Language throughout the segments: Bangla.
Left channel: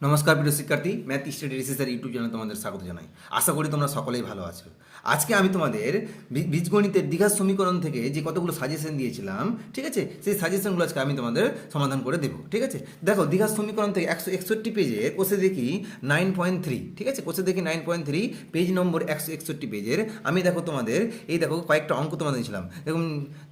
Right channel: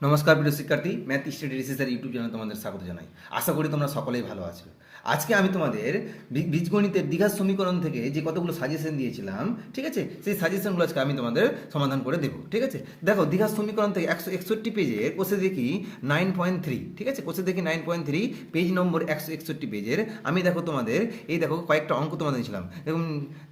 নমস্কার প্রিয় শিক্ষার্থী, ম্যাথ স্টাডি রিসার্চের ইউটিউব চ্যানেলে তোমাদের স্বাগত জানাই। আশা করি তোমরা সকলেই ভালো আছো। আজকে আমি তোমাদের বীজগণিতের দ্বিঘাত সমীকরণ থেকে যে কতগুলো সাজেশন দিয়েছিলাম, ঠিক আছে, সেই সাজেশনগুলো আজকে আমি তোমাদের সমাধান করে দেবো। ঠিক আছে, দেখো দ্বিঘাত সমীকরণ থেকে 161 পেজে কোষে দেখি 9.3, ঠিক আছে, কোষে দেখি 9.3 পেজ নম্বর 161 পেজের। আমি দেখো তোমাদের এই দেখো কয়েকটা অঙ্ক তোমাদের দিয়েছিলাম। দেখুন,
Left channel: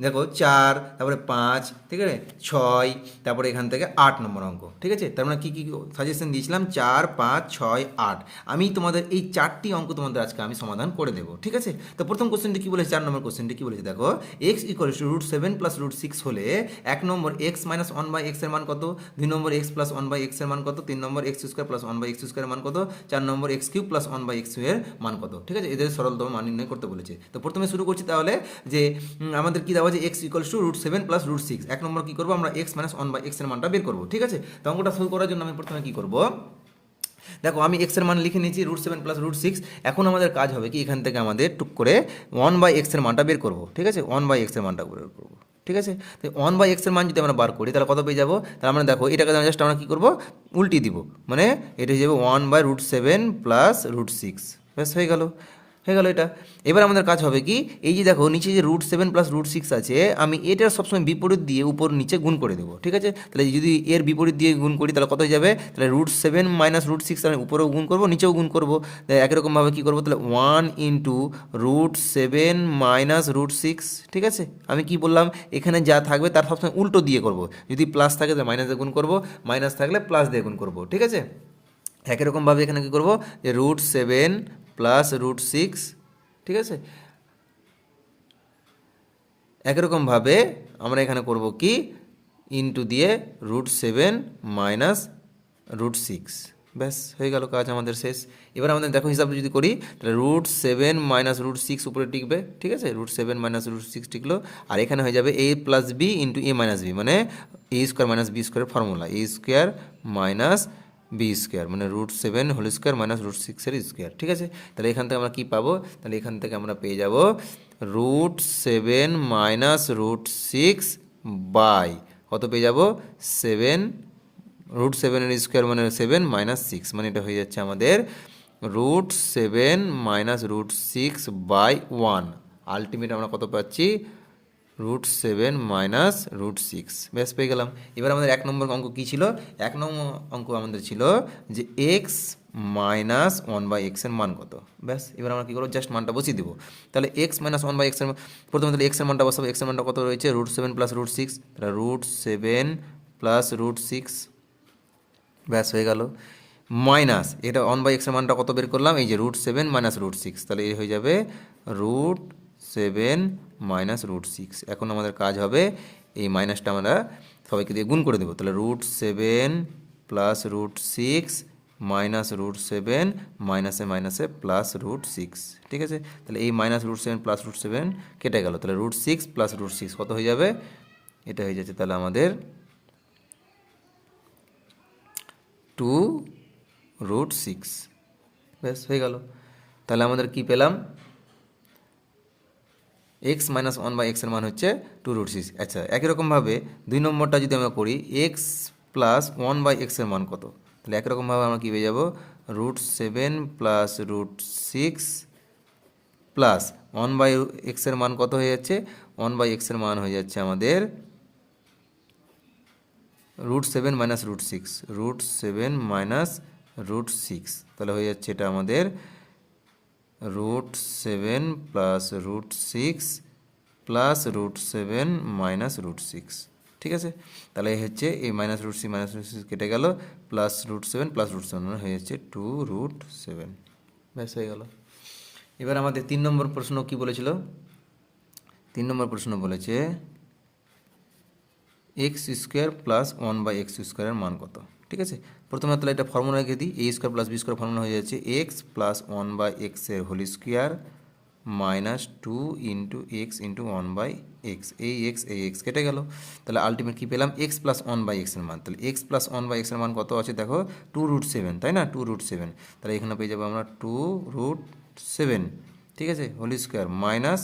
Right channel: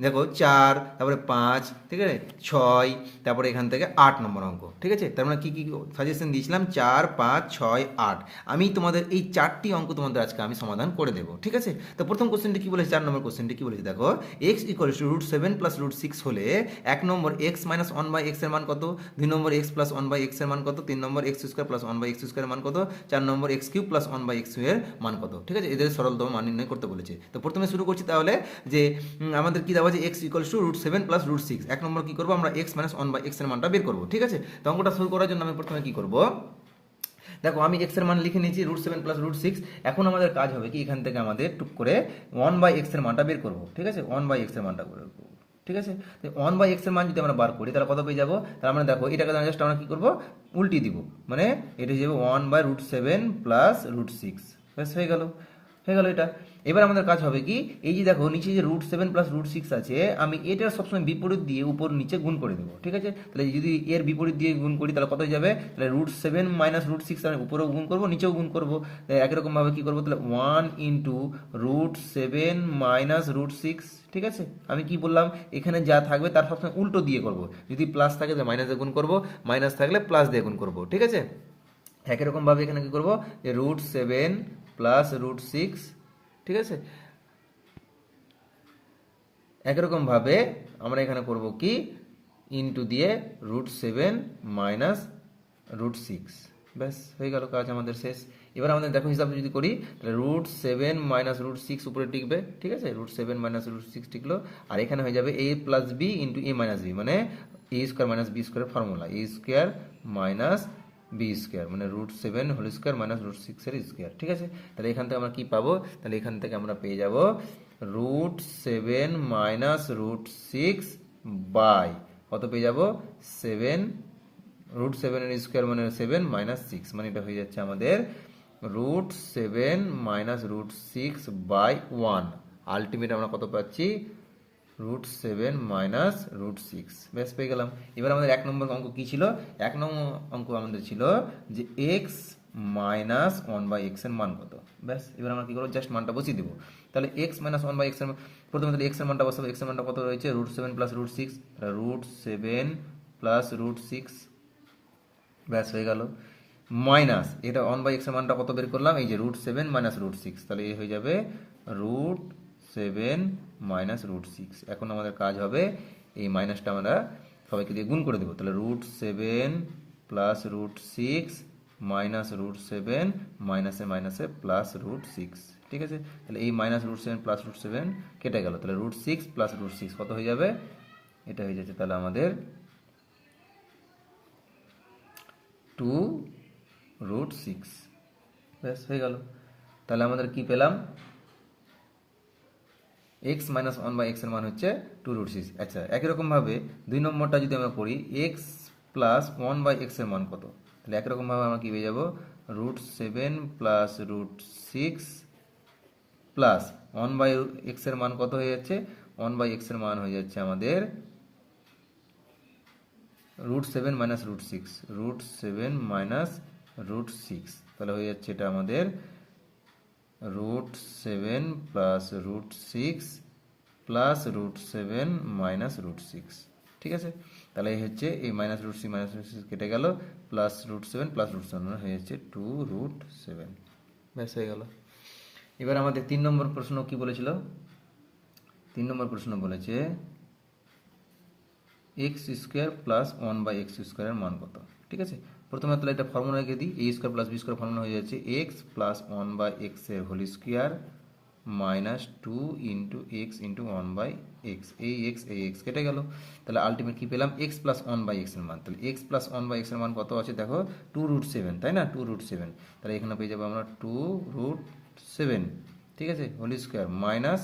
দেখো 4, তারপরে 5, ঠিক আছে, 6, তারপরে এখান থেকে 8 নম্বর অঙ্ক। ঠিক আছে, তার মানে কী কী সাজেশন দিয়েছিলাম? 4, 5, 6, 8। আমি তোমাদের এই 4টি অঙ্ক তোমাদের আজকে আমি সমাধান করে দেবো। ঠিক আছে, তো প্রথম কোশ্চেনটি কী বলেছে? 4 নম্বর কোশ্চেনটি কী বলেছে দেখো, এক্স ইকুয়ালস টু √7 + √6 হলে 1 নম্বর এক্স মাইনাস 1/x এর মান কত, 2 নম্বর এক্স প্লাস 1/x এর মান কত, 3 নম্বর এক্স স্কোয়ার প্লাস 1/x স্কোয়ারের মান কত, 4 নম্বর এক্স কিউব প্লাস 1/x এর মান কত। ঠিক আছে, এদের সরলতম মান নির্ণয় করতে বলেছে। তো প্রথমে শুরু করছি তাহলে যে আমাদের কী দেওয়া আছে, এক্স ইকুয়ালস টু √7 + √6। 1 নম্বর কী করবো আমরা, এক্স মাইনাস 1/x এর মানটা বের করবো। ঠিক আছে, তো অঙ্কটা শুরু করার জন্য আমি প্রথমে কী করবো, দেখো আমি এক্স এর মান লিখে নিয়েছি √7 + √6। এখন আমাদের কাজ হবে কি, এখান থেকে আমাদের টুক করে 1/x এর মানটা বের করবো। ঠিক আছে, 1/x এর মানটা বের করবো। ঠিক আছে, তো 1/x এর মান যদি আমরা বার করি তাহলে কত পেয়ে যাবো? তাহলে আমরা দেখো এটাকে জাস্ট আমরা কী করবো, উল্টি দিব, মানে এটা হয়ে যাবে 1/√7 + √6। ব্যাস হয়ে গেল এটা। এবার আমাদের কাজ হবে কি, এই যে দেখো নিচে যে √7 + √6 আছে, আমি এটার সবসময় বিপরীত দিয়ে উপর নিচে গুণ করে দেবো। ঠিক আছে, তাহলে যদি এর বিপরীত দিয়ে গুণ করি তাহলে কত হয়ে যাবে? তাহলে √7 - √6, তাহলে উপরেও গুণ করবো নিচেও গুণ করবো। তাহলে একই রকমভাবে কী করবো, তাহলে 1 × √7 - √6। ঠিক আছে, আমি কি বললাম, এখানে যা থাকবে তার সবসময় উল্টো দিয়ে করবো। যদি প্লাস থাকে তাহলে মাইনাস দিয়ে গুণ করবো, মাইনাস থাকলে প্লাস দিয়ে গুণ করবো। ঠিক আছে, একই রকমভাবে এখানে কী করবো, যে √7 + √6। ঠিক আছে, একই রকমভাবে আমরা এখানে করব কি, ইনটু দিয়ে √7 - √6। ব্যাস হয়ে গেল, কাজ আমাদের শেষ। এবার আমাদের দেখো হিসাব যদি করি তাহলে √7 - √6 উপরে টিকবে। ঠিক আছে, √7 - √6 টিকলো, আর এখানে হয়ে যাবে a + b × a - b, মানে a² - b² formula, a² - b², মানে √7 হোল স্কোয়ার মাইনাস √6 এর স্কোয়ার। ঠিক আছে, তাহলে এখান থেকে আমরা কী পাবো, তাহলে এখান থেকে আমরা পেয়ে যাব √7 - √6 বাই কত পেয়ে যাব, 7, √7 এর স্কোয়ার মানে 7 - 6, মানে এটা হয়ে যাচ্ছে আমাদের √7 - √6 বাই 1। আলটিমেট আমরা কত পাচ্ছি, √7 - √6। ব্যাস পেয়ে গেলাম। এবার আমাদের 1 নম্বর অঙ্ক কী ছিল? 1 নম্বর অঙ্ক আমাদের ছিল যে এক্স মাইনাস 1/x এর মান কত। ব্যাস এবার আমরা কী করবো, জাস্ট মানটা বসিয়ে দেবো। তাহলে এক্স মাইনাস 1/x এর প্রথমে তাহলে এক্সের মানটা বসাবো। এক্সের মানটা কত রয়েছে, √7 + √6, তাহলে √7 + √6। ব্যাস হয়ে গেল, মাইনাস এটা 1/x এর মানটা কত বের করলাম, এই যে √7 - √6, তাহলে এই হয়ে যাবে √7 - √6। এখন আমাদের কাজ হবে এই মাইনাসটা আমরা সবাইকে দিয়ে গুণ করে দেবো। তাহলে √7 + √6 মাইনাস √7 মাইনাসে মাইনাসে প্লাস √6। ঠিক আছে, তাহলে এই -√7 + √7 কেটে গেল, তাহলে √6 + √6 কত হয়ে যাবে, এটা হয়ে যাচ্ছে তাহলে আমাদের 2√6। ব্যাস হয়ে গেল, তাহলে আমাদের কি পেলাম, এক্স মাইনাস 1/x এর মান হচ্ছে 2√6। আচ্ছা, একই রকমভাবে 2 নম্বরটা যদি আমরা করি, এক্স প্লাস 1/x এর মান কত, তাহলে একই রকমভাবে আমরা কী পেয়ে যাব, √7 + √6 প্লাস 1/x এর মান কত হয়ে যাচ্ছে, 1/x এর মান হয়ে যাচ্ছে আমাদের √7 - √6, √7 - √6, তাহলে হয়ে যাচ্ছে এটা আমাদের √7 + √6 প্লাস √7 - √6। ঠিক আছে, তাহলে এই হচ্ছে এই -√6 -√6 কেটে গেল, প্লাস √7 প্লাস √7 হয়ে যাচ্ছে 2√7। ব্যাস হয়ে গেল। এবার আমাদের 3 নম্বর প্রশ্ন কি বলেছিল, 3 নম্বর প্রশ্ন বলেছে x² + 1/x² এর মান কত। ঠিক আছে, প্রথমে তাহলে এটা ফর্মুলা রেখে দিই, a² + b² ফর্মুলা হয়ে যাচ্ছে x + 1/x এর whole square minus 2 × x × 1/x। এই x কেটে গেল, তাহলে আলটিমেট কী পেলাম, x + 1/x এর মান। তাহলে x + 1/x এর মান কত আছে দেখো, 2√7, তাই না, 2√7। তাহলে এখানে পেয়ে যাবো আমরা 2√7, ঠিক আছে, হোল স্কোয়ার মাইনাস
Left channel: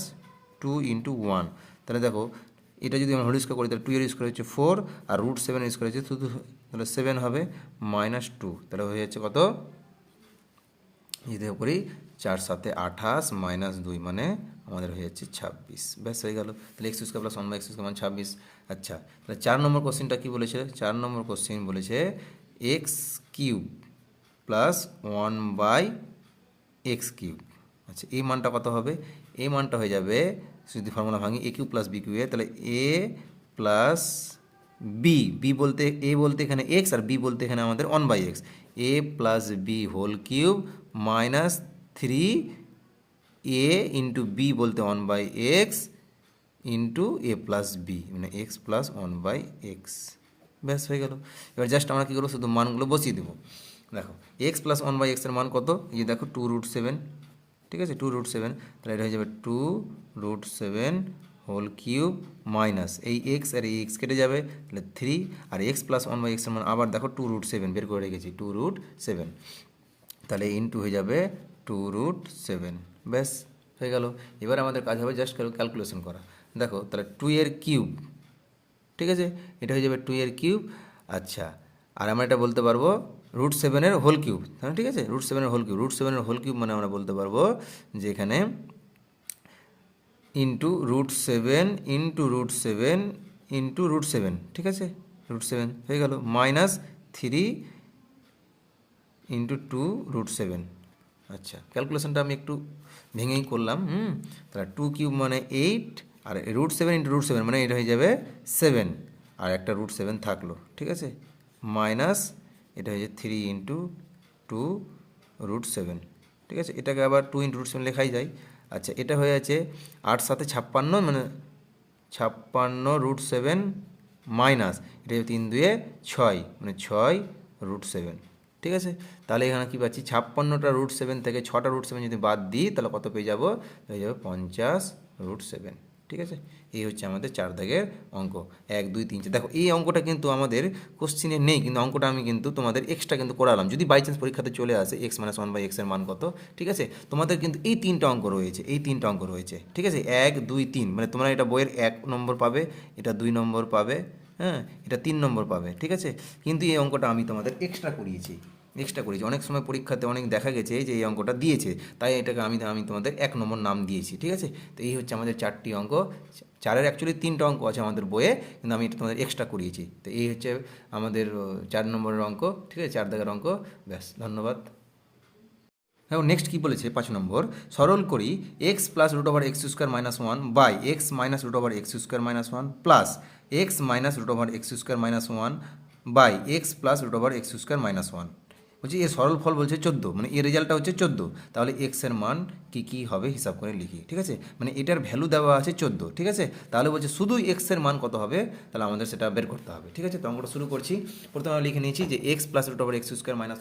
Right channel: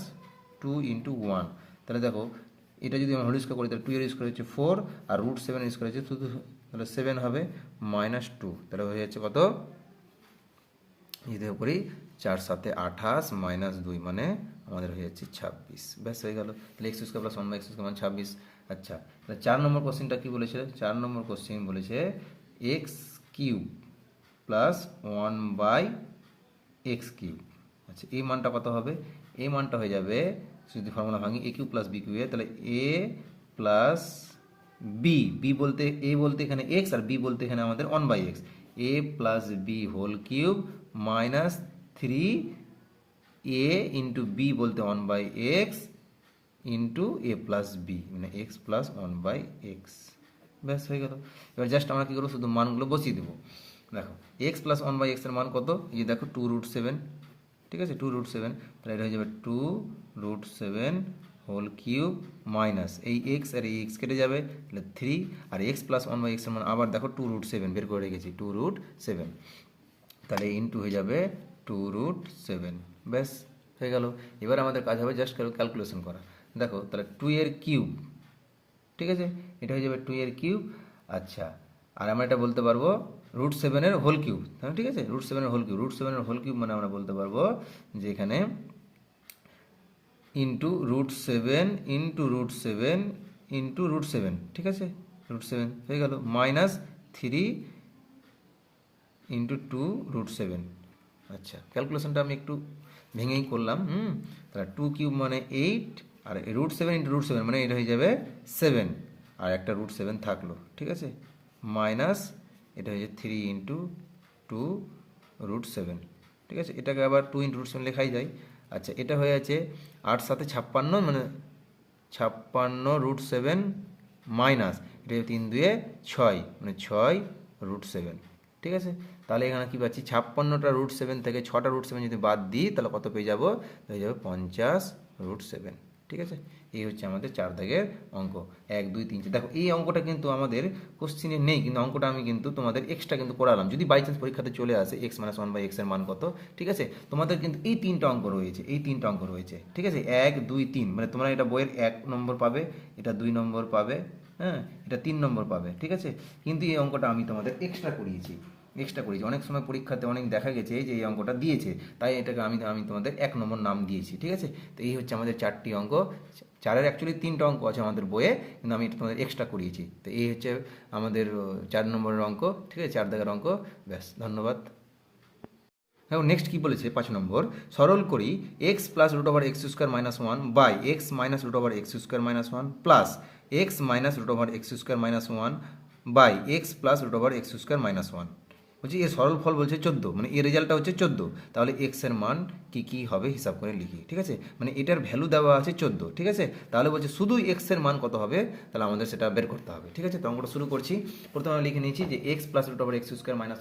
2 × 1। তাহলে দেখো এটা যদি আমরা হোল স্কোয়ার করি তাহলে 2 এর স্কোয়ার হচ্ছে 4, আর √7 এর স্কোয়ার হচ্ছে শুধু তাহলে 7 হবে -2, তাহলে হয়ে যাচ্ছে কত, যদি করি 4 7 28 -2 মানে আমাদের হয়ে যাচ্ছে 26। ব্যাস হয়ে গেল। তাহলে x square plus 1/x square মানে 26। আচ্ছা, তাহলে 4 নম্বর কোশ্চেনটা কী বলেছে? 4 নম্বর কোশ্চেন বলেছে x cube plus 1/x cube. আচ্ছা, এই মানটা কত হবে? এই মানটা হয়ে যাবে, যদি ফর্মুলা ভাঙি, এ কিউব প্লাস বি কিউবে, তাহলে এ প্লাস বি, বি বলতে এ বলতে এখানে এক্স আর বি বলতে এখানে আমাদের 1/x, a plus b whole cube minus 3 a into b বলতে 1/x into a plus b মানে এক্স প্লাস 1/x। ব্যাস হয়ে গেল। এবার জাস্ট আমরা কী করবো, শুধু মানগুলো বসিয়ে দেবো। দেখো এক্স প্লাস 1/x এর মান কত, এই যে দেখো 2√7, ঠিক আছে, 2√7, তাহলে এটা হয়ে যাবে 2√7 হোল কিউব মাইনাস এই এক্স আর এই এক্স কেটে যাবে, তাহলে 3, আর এক্স প্লাস 1/x এর মান আবার দেখো 2√7 বের করে রেখেছি, 2√7, তাহলে ইন্টু হয়ে যাবে 2√7। ব্যাস হয়ে গেল। এবার আমাদের কাজ হবে জাস্ট ক্যালকুলেশন করা। দেখো তাহলে 2 এর কিউব, ঠিক আছে, এটা হয়ে যাবে 2 এর কিউব। আচ্ছা, আর আমরা এটা বলতে পারবো √7 হোল কিউব, হ্যাঁ ঠিক আছে, √7 হোল কিউব, √7 হোল কিউব মানে আমরা বলতে পারবো যে এখানে ইন্টু √7 ইন্টু √7 ইন্টু √7, ঠিক আছে, √7 হয়ে গেল, মাইনাস 3 ইন্টু 2√7। আচ্ছা, ক্যালকুলেশনটা আমি একটু ভেঙেই করলাম। তাহলে 2 কিউব মানে 8, আর √7 ইন্টু √7 মানে এটা হয়ে যাবে 7, আর একটা √7 থাকলো, ঠিক আছে, মাইনাস এটা হয়ে যাবে 3 ইন্টু 2√7, ঠিক আছে, এটাকে আবার 2 ইন্টু √7 লেখাই যায়। আচ্ছা, এটা হয়ে আছে 8 7 56 মানে 56 √7 মাইনাস এটা 3 2 6 মানে 6 √7, ঠিক আছে। তাহলে এখানে কী পাচ্ছি, 56টা √7 থেকে 6টা √7 যদি বাদ দিই তাহলে কত পেয়ে যাবো, হয়ে যাবে 50 √7, ঠিক আছে। এই হচ্ছে আমাদের 4 দাগের অঙ্ক, 1 2 3 4। দেখো এই অঙ্কটা কিন্তু আমাদের কোশ্চিনে নেই, কিন্তু অঙ্কটা আমি কিন্তু তোমাদের এক্সট্রা কিন্তু করালাম, যদি বাই চান্স পরীক্ষাতে চলে আসে x - 1/x এর মান কত, ঠিক আছে। তোমাদের কিন্তু এই 3টা অঙ্ক রয়েছে, এই 3টা অঙ্ক রয়েছে, ঠিক আছে, 1 2 3, মানে তোমরা এটা বইয়ের 1 নম্বর পাবে, এটা 2 নম্বর পাবে, হ্যাঁ, এটা 3 নম্বর পাবে, ঠিক আছে। কিন্তু এই অঙ্কটা আমি তোমাদের এক্সট্রা করিয়েছি। অনেক সময় পরীক্ষাতে অনেক দেখা গেছে যে এই অঙ্কটা দিয়েছে, তাই এটাকে আমি তোমাদের 1 নম্বর নাম দিয়েছি, ঠিক আছে। তো এই হচ্ছে আমাদের 4টি অঙ্ক, 4-এর অ্যাকচুয়ালি 3টা অঙ্ক আছে আমাদের বইয়ে, কিন্তু আমি এটা তোমাদের এক্সট্রা করিয়েছি। তো এই হচ্ছে আমাদের 4 নম্বরের অঙ্ক, ঠিক আছে, 4 দাগের অঙ্ক। ব্যাস, ধন্যবাদ। এখন নেক্সট কী বলেছে 5 নম্বর, সরল করি x plus √(x² - 1 by x minus √(x² - 1 plus x minus √(x² - 1 by x plus √(x² - 1। বলছি এর সরল ফল বলছে 14, মানে এর রেজাল্টটা হচ্ছে 14, তাহলে এক্স এর মান কী কী হবে হিসাব করে লিখি, ঠিক আছে, মানে এটার ভ্যালু দেওয়া আছে 14, ঠিক আছে। তাহলে বলছে শুধু এক্স এর মান কত হবে, তাহলে আমাদের সেটা বের করতে হবে, ঠিক আছে। তো অঙ্কটা শুরু করছি। প্রথমে আমরা লিখে নিয়েছি যে x plus √(x²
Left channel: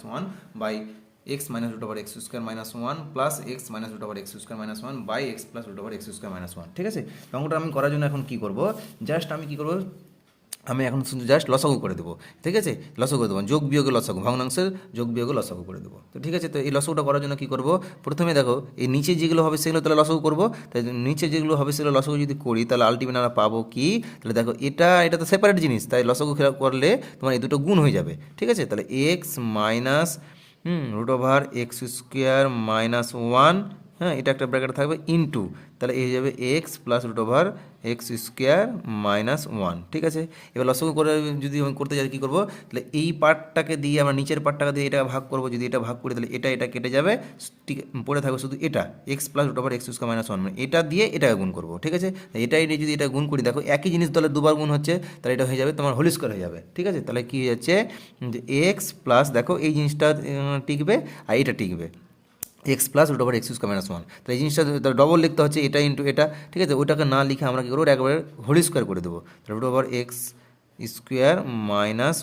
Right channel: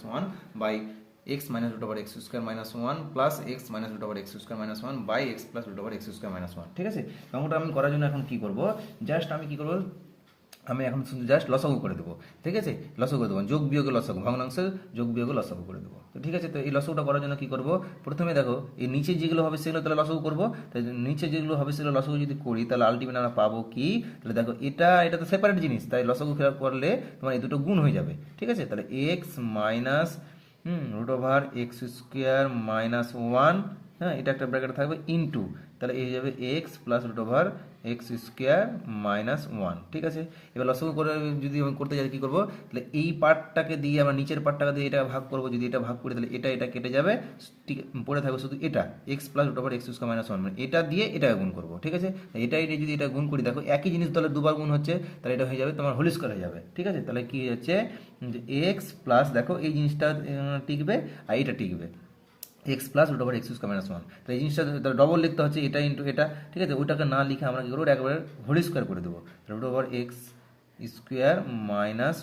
- 1 by x minus √(x² - 1 plus x minus √(x² - 1 by x plus √(x² - 1, ঠিক আছে। অঙ্কটা আমি করার জন্য এখন কী করবো, জাস্ট আমি কী করবো, আমি এখন শুধু জাস্ট লসাগু করে দেবো, ঠিক আছে, লসাগু করে দেবো, যোগ বিয়োগে লসাগু, ভগ্নাংশের যোগ বিয়োগে লসাগু করে দেবো। তো ঠিক আছে, তো এই লসাগুটা করার জন্য কী করবো, প্রথমে দেখো এই নিচে যেগুলো হবে সেগুলো তাহলে লসাগু করবো, তাই নিচে যেগুলো হবে সেগুলো লসাগু যদি করি তাহলে আলটিমেট আমরা পাবো কি, তাহলে দেখো এটা তো সেপারেট জিনিস, তাই লসাগু খেলা করলে তোমার এই দুটো গুণ হয়ে যাবে, ঠিক আছে। তাহলে এক্স মাইনাস √(x² - 1, হ্যাঁ, এটা একটা ব্র্যাকেট থাকবে ইনটু, তাহলে এই যাবে এক্স প্লাস √(x² - 1, ঠিক আছে। এবার লসাগু করে যদি আমি করতে যাই কী করবো, তাহলে এই পার্টটাকে দিয়ে আমরা নিচের পার্টটাকে দিয়ে এটা ভাগ করবো, যদি এটা ভাগ করি তাহলে এটা কেটে যাবে, ঠিক পড়ে থাকবে শুধু এটা এক্স প্লাস √(x² - 1, মানে এটা দিয়ে এটাকে গুণ করবো, ঠিক আছে। এটাই যদি এটা গুণ করি, দেখো একই জিনিস তাহলে দুবার গুণ হচ্ছে, তাহলে এটা হয়ে যাবে তোমার হোল স্কোয়ার হয়ে যাবে, ঠিক আছে। তাহলে কী হয়ে যাচ্ছে, এক্স প্লাস, দেখো এই জিনিসটা টিকবে আর এটা টিকবে, এক্স প্লাস √(x² - 1, তাহলে এই জিনিসটা ডবল লিখতে হচ্ছে এটা ইন্টু এটা, ঠিক আছে। ওইটাকে না লিখে আমরা কী করবো, একবারে হোল স্কোয়ার করে দেবো, √(x²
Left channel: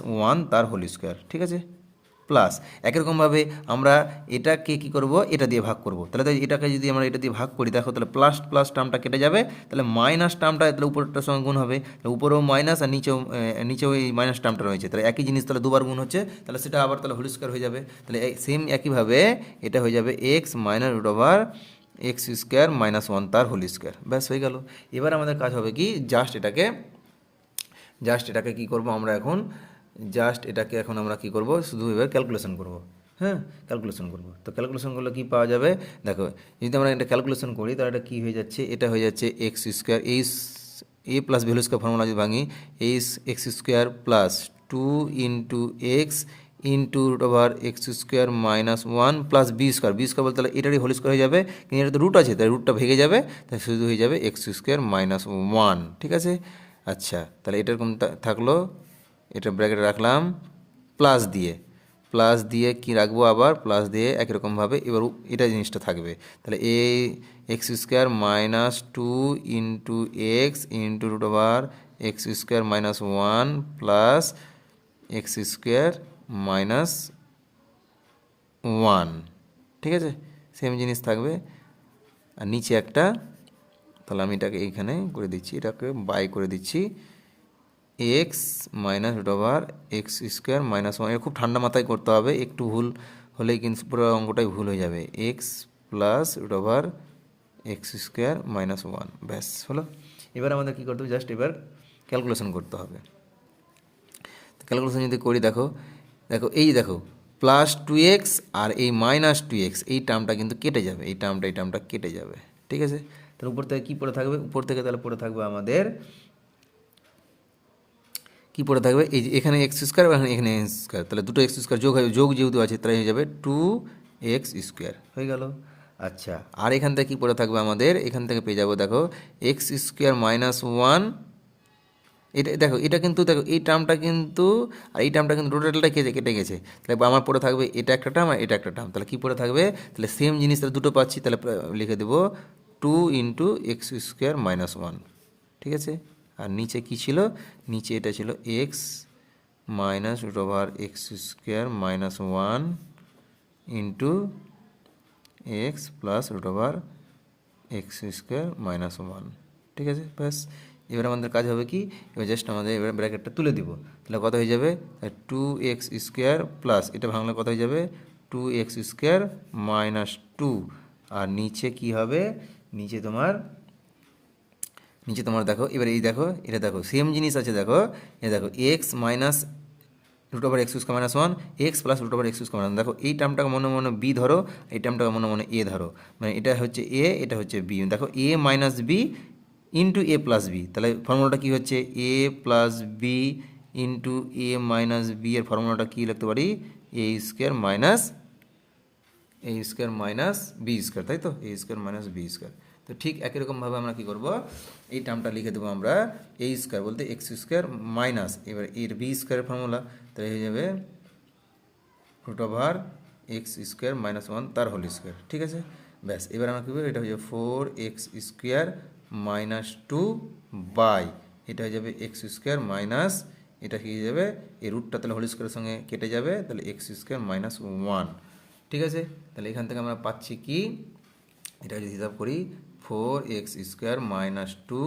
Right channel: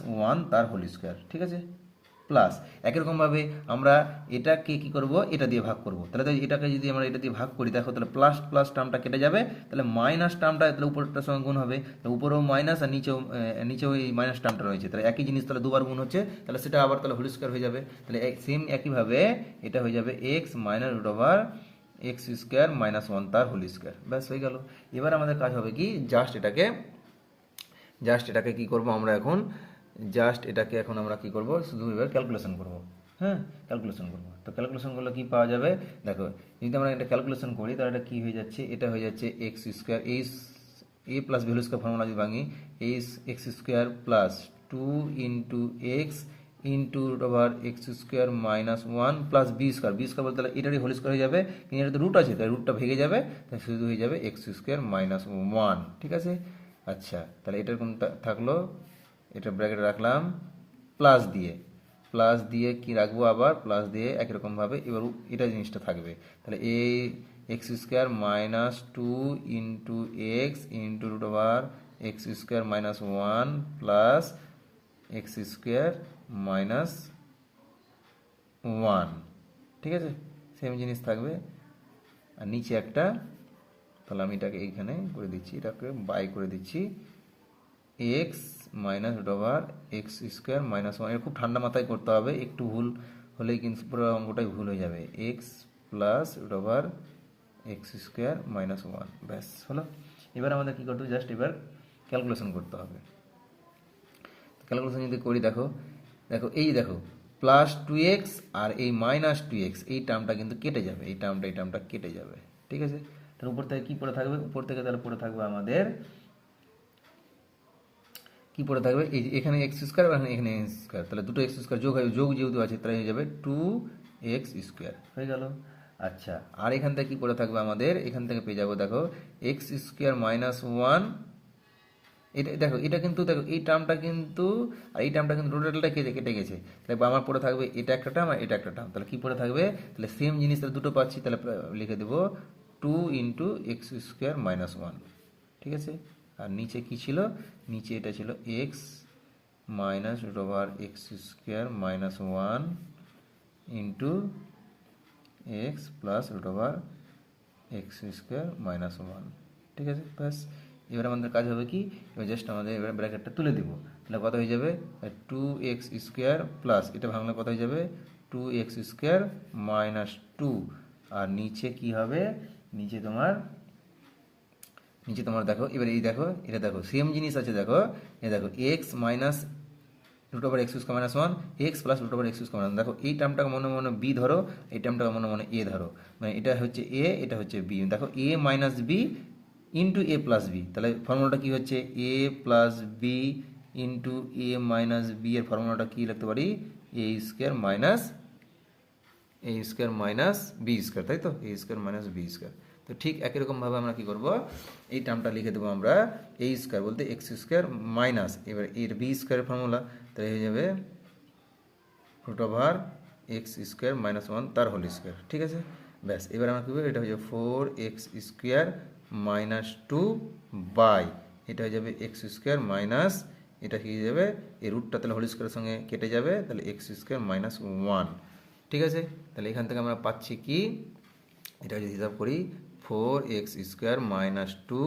- 1 তার হোল স্কোয়ার, ঠিক আছে, প্লাস একই রকমভাবে আমরা এটাকে কী করব, এটা দিয়ে ভাগ করব, তাহলে এটাকে যদি আমরা এটা দিয়ে ভাগ করি, দেখো তাহলে প্লাস প্লাস টার্মটা কেটে যাবে, তাহলে মাইনাস টার্মটা তাহলে উপরটার সঙ্গে গুণ হবে, তাহলে উপরেও মাইনাস আর নিচেও এই মাইনাস টার্মটা রয়েছে, তাহলে একই জিনিস তাহলে দুবার গুণ হচ্ছে, তাহলে সেটা আবার তাহলে হোল স্কোয়ার হয়ে যাবে, তাহলে সেম একইভাবে এটা হয়ে যাবে এক্স মাইনাস √(x² - 1 তার হোল স্কোয়ার। ব্যাস হয়ে গেল। এবার আমাদের কাজ হবে কি, জাস্ট এটাকে কী করবো আমরা এখন জাস্ট এটাকে এখন আমরা কি করব, শুধু এবার ক্যালকুলেশন করব। হ্যাঁ, ক্যালকুলেশন করব। তো ক্যালকুলেশন করলে কি পাওয়া যাবে, দেখো যদি আমরা এটা ক্যালকুলেশন করি তাহলে এটা কী হয়ে যাচ্ছে, এটা হয়ে যাচ্ছে x square, a plus value square formula যদি ভাঙি, x square plus 2 x into root over x square minus 1 plus b square, b square বলতে তাহলে এটারই হোল স্কোয়ার হয়ে যাবে, কিন্তু এটা তো রুট আছে তাই রুটটা ভেঙে যাবে, তাই শুধু হয়ে যাবে এক্স স্কোয়ার মাইনাস 1। ঠিক আছে, আচ্ছা তাহলে এটার থাকলো, এটা ব্র্যাকেটে রাখলাম প্লাস দিয়ে কি রাখবো, আবার প্লাস দিয়ে একই রকমভাবে এবার এটা জিনিসটা থাকবে, তাহলে x square minus 2 x into root over x square minus 1 plus x square minus 1। ঠিক আছে, সেম জিনিস থাকবে, আর নিচে একটা, তাহলে আমি এটাকে এইখানে করে দিচ্ছি, এটাকে বাই করে দিচ্ছি, x minus root over x square minus 1। এটা খুব ঠান্ডা মাথায় করতে হবে, একটু ভুল হলেই কিন্তু পুরো অঙ্কটাই ভুল হয়ে যাবে, x plus root over x square minus 1, ব্যাস হলো। এবার আমাদের কী করতে হবে, জাস্ট এবার ক্যালকুলেশন করতে হবে। ক্যালকুলেশন যদি করি, দেখো দেখো এই দেখো প্লাস 2x আর এই মাইনাস 2x, এই টার্মটা কিন্তু কেটে যাবে, এই টার্মটা কেটে যাবে। ঠিক আছে, তাহলে উপর থেকে কী পড়ে থাকবে, উপর থেকে তাহলে পড়ে থাকবে আমাদের কী পড়ে থাকবে, এই যে এখানে এক্স স্কোয়ার আর এখানে এক্স স্কোয়ার, তাহলে দুটো এক্স স্কোয়ার যোগ যেহেতু আছে তাই হয়ে যাবে 2x স্কোয়ার হয়ে গেল। আচ্ছা, আর এখান থেকে কী পড়ে থাকবে আমাদের, এখান থেকে পেয়ে যাবো দেখো এক্স স্কোয়ার মাইনাস 1, এটা দেখো এটা কিন্তু দেখো এই টার্মটা কিন্তু আর এই টার্মটা কিন্তু টোটালটা কেটে গেছে, তাহলে আমার পড়ে থাকবে এটা একটা টার্ম আর এটা একটা টার্ম, তাহলে কী পড়ে থাকবে, তাহলে সেম জিনিস তাহলে দুটো পাচ্ছি, তাহলে লিখে দেবো 2 স্কোয়ার মাইনাস 1। ঠিক আছে, আর নিচে কী ছিল, নিচে এটা ছিল x minus root over x square minus 1 into x plus root over x square minus 1। ঠিক আছে, ব্যাস এবার আমাদের কাজ হবে কি, এবার জাস্ট আমাদের এবার ব্র্যাকেটটা তুলে দিব, তাহলে কত হয়ে যাবে 2x স্কোয়ার প্লাস এটা ভাঙলে কত হয়ে যাবে 2x স্কোয়ার মাইনাস 2, আর নিচে কি হবে, নিচে তোমার দেখো এবার এই দেখো এটা দেখো সেম জিনিস আছে, দেখো এ দেখো x minus root over x square minus 1 x plus root over x square minus, দেখো এই টার্মটাকে মনে মনে বি ধরো, এই টার্মটাকে মনে মনে এ ধরো, মানে এটা হচ্ছে এ এটা হচ্ছে বি, দেখো এ minus B into a plus B, তাহলে ফর্মুলাটা কী হচ্ছে a plus b into a minus b, এর ফর্মুলাটা কী লিখতে পারি, এ স্কোয়ার মাইনাস বি স্কোয়ার, তাই তো এ স্কোয়ার মাইনাস বি স্কোয়ার। তো ঠিক একই রকমভাবে আমরা কী করবো, এই টার্মটা লিখে দেবো আমরা এ স্কোয়ার বলতে এক্স স্কোয়ার মাইনাস এবার এর বি স্কোয়ারের ফর্মুলা, তাহলে হয়ে যাবে root over x square minus 1 তার হোল স্কোয়ার। ঠিক আছে, ব্যাস এবার আমরা কী করবো, এটা হয়ে যাবে 4x স্কোয়ার মাইনাস 2 বাই এটা হয়ে যাবে এক্স স্কোয়ার মাইনাস, এটা কী হয়ে যাবে এই রুটটা তাহলে হোল স্কোয়ারের সঙ্গে কেটে যাবে, তাহলে এক্স স্কোয়ার মাইনাস 1। ঠিক আছে, তাহলে এখান থেকে আমরা পাচ্ছি কি, এটা যদি হিসাব করি 4x স্কোয়ার মাইনাস 2